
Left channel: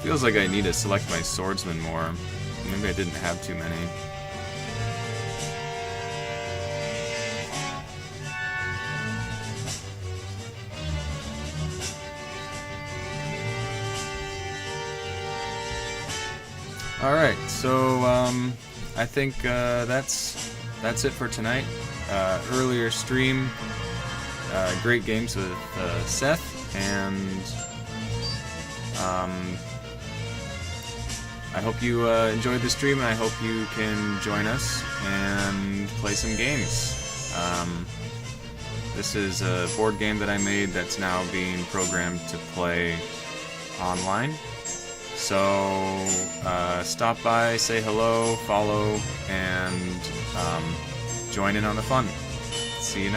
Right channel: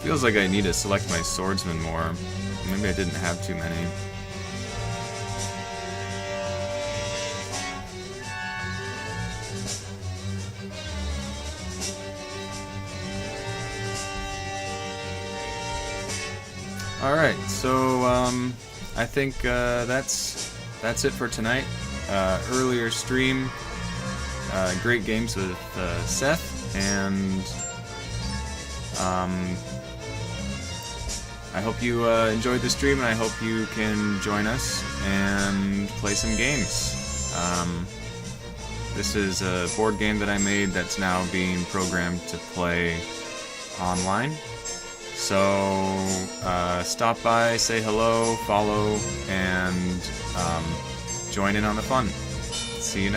Feels like I need to select my swordsman more. Maybe I didn't have too many. Alright, so I think that's it for tonight. Earlier stream, great games with Seth, and I hope you enjoyed the stream, and I hope you can join us and play some games. This is a board game that I made that's now being programmed to play online. So stop by, say hello, follow, and join in on the fun. See you next time.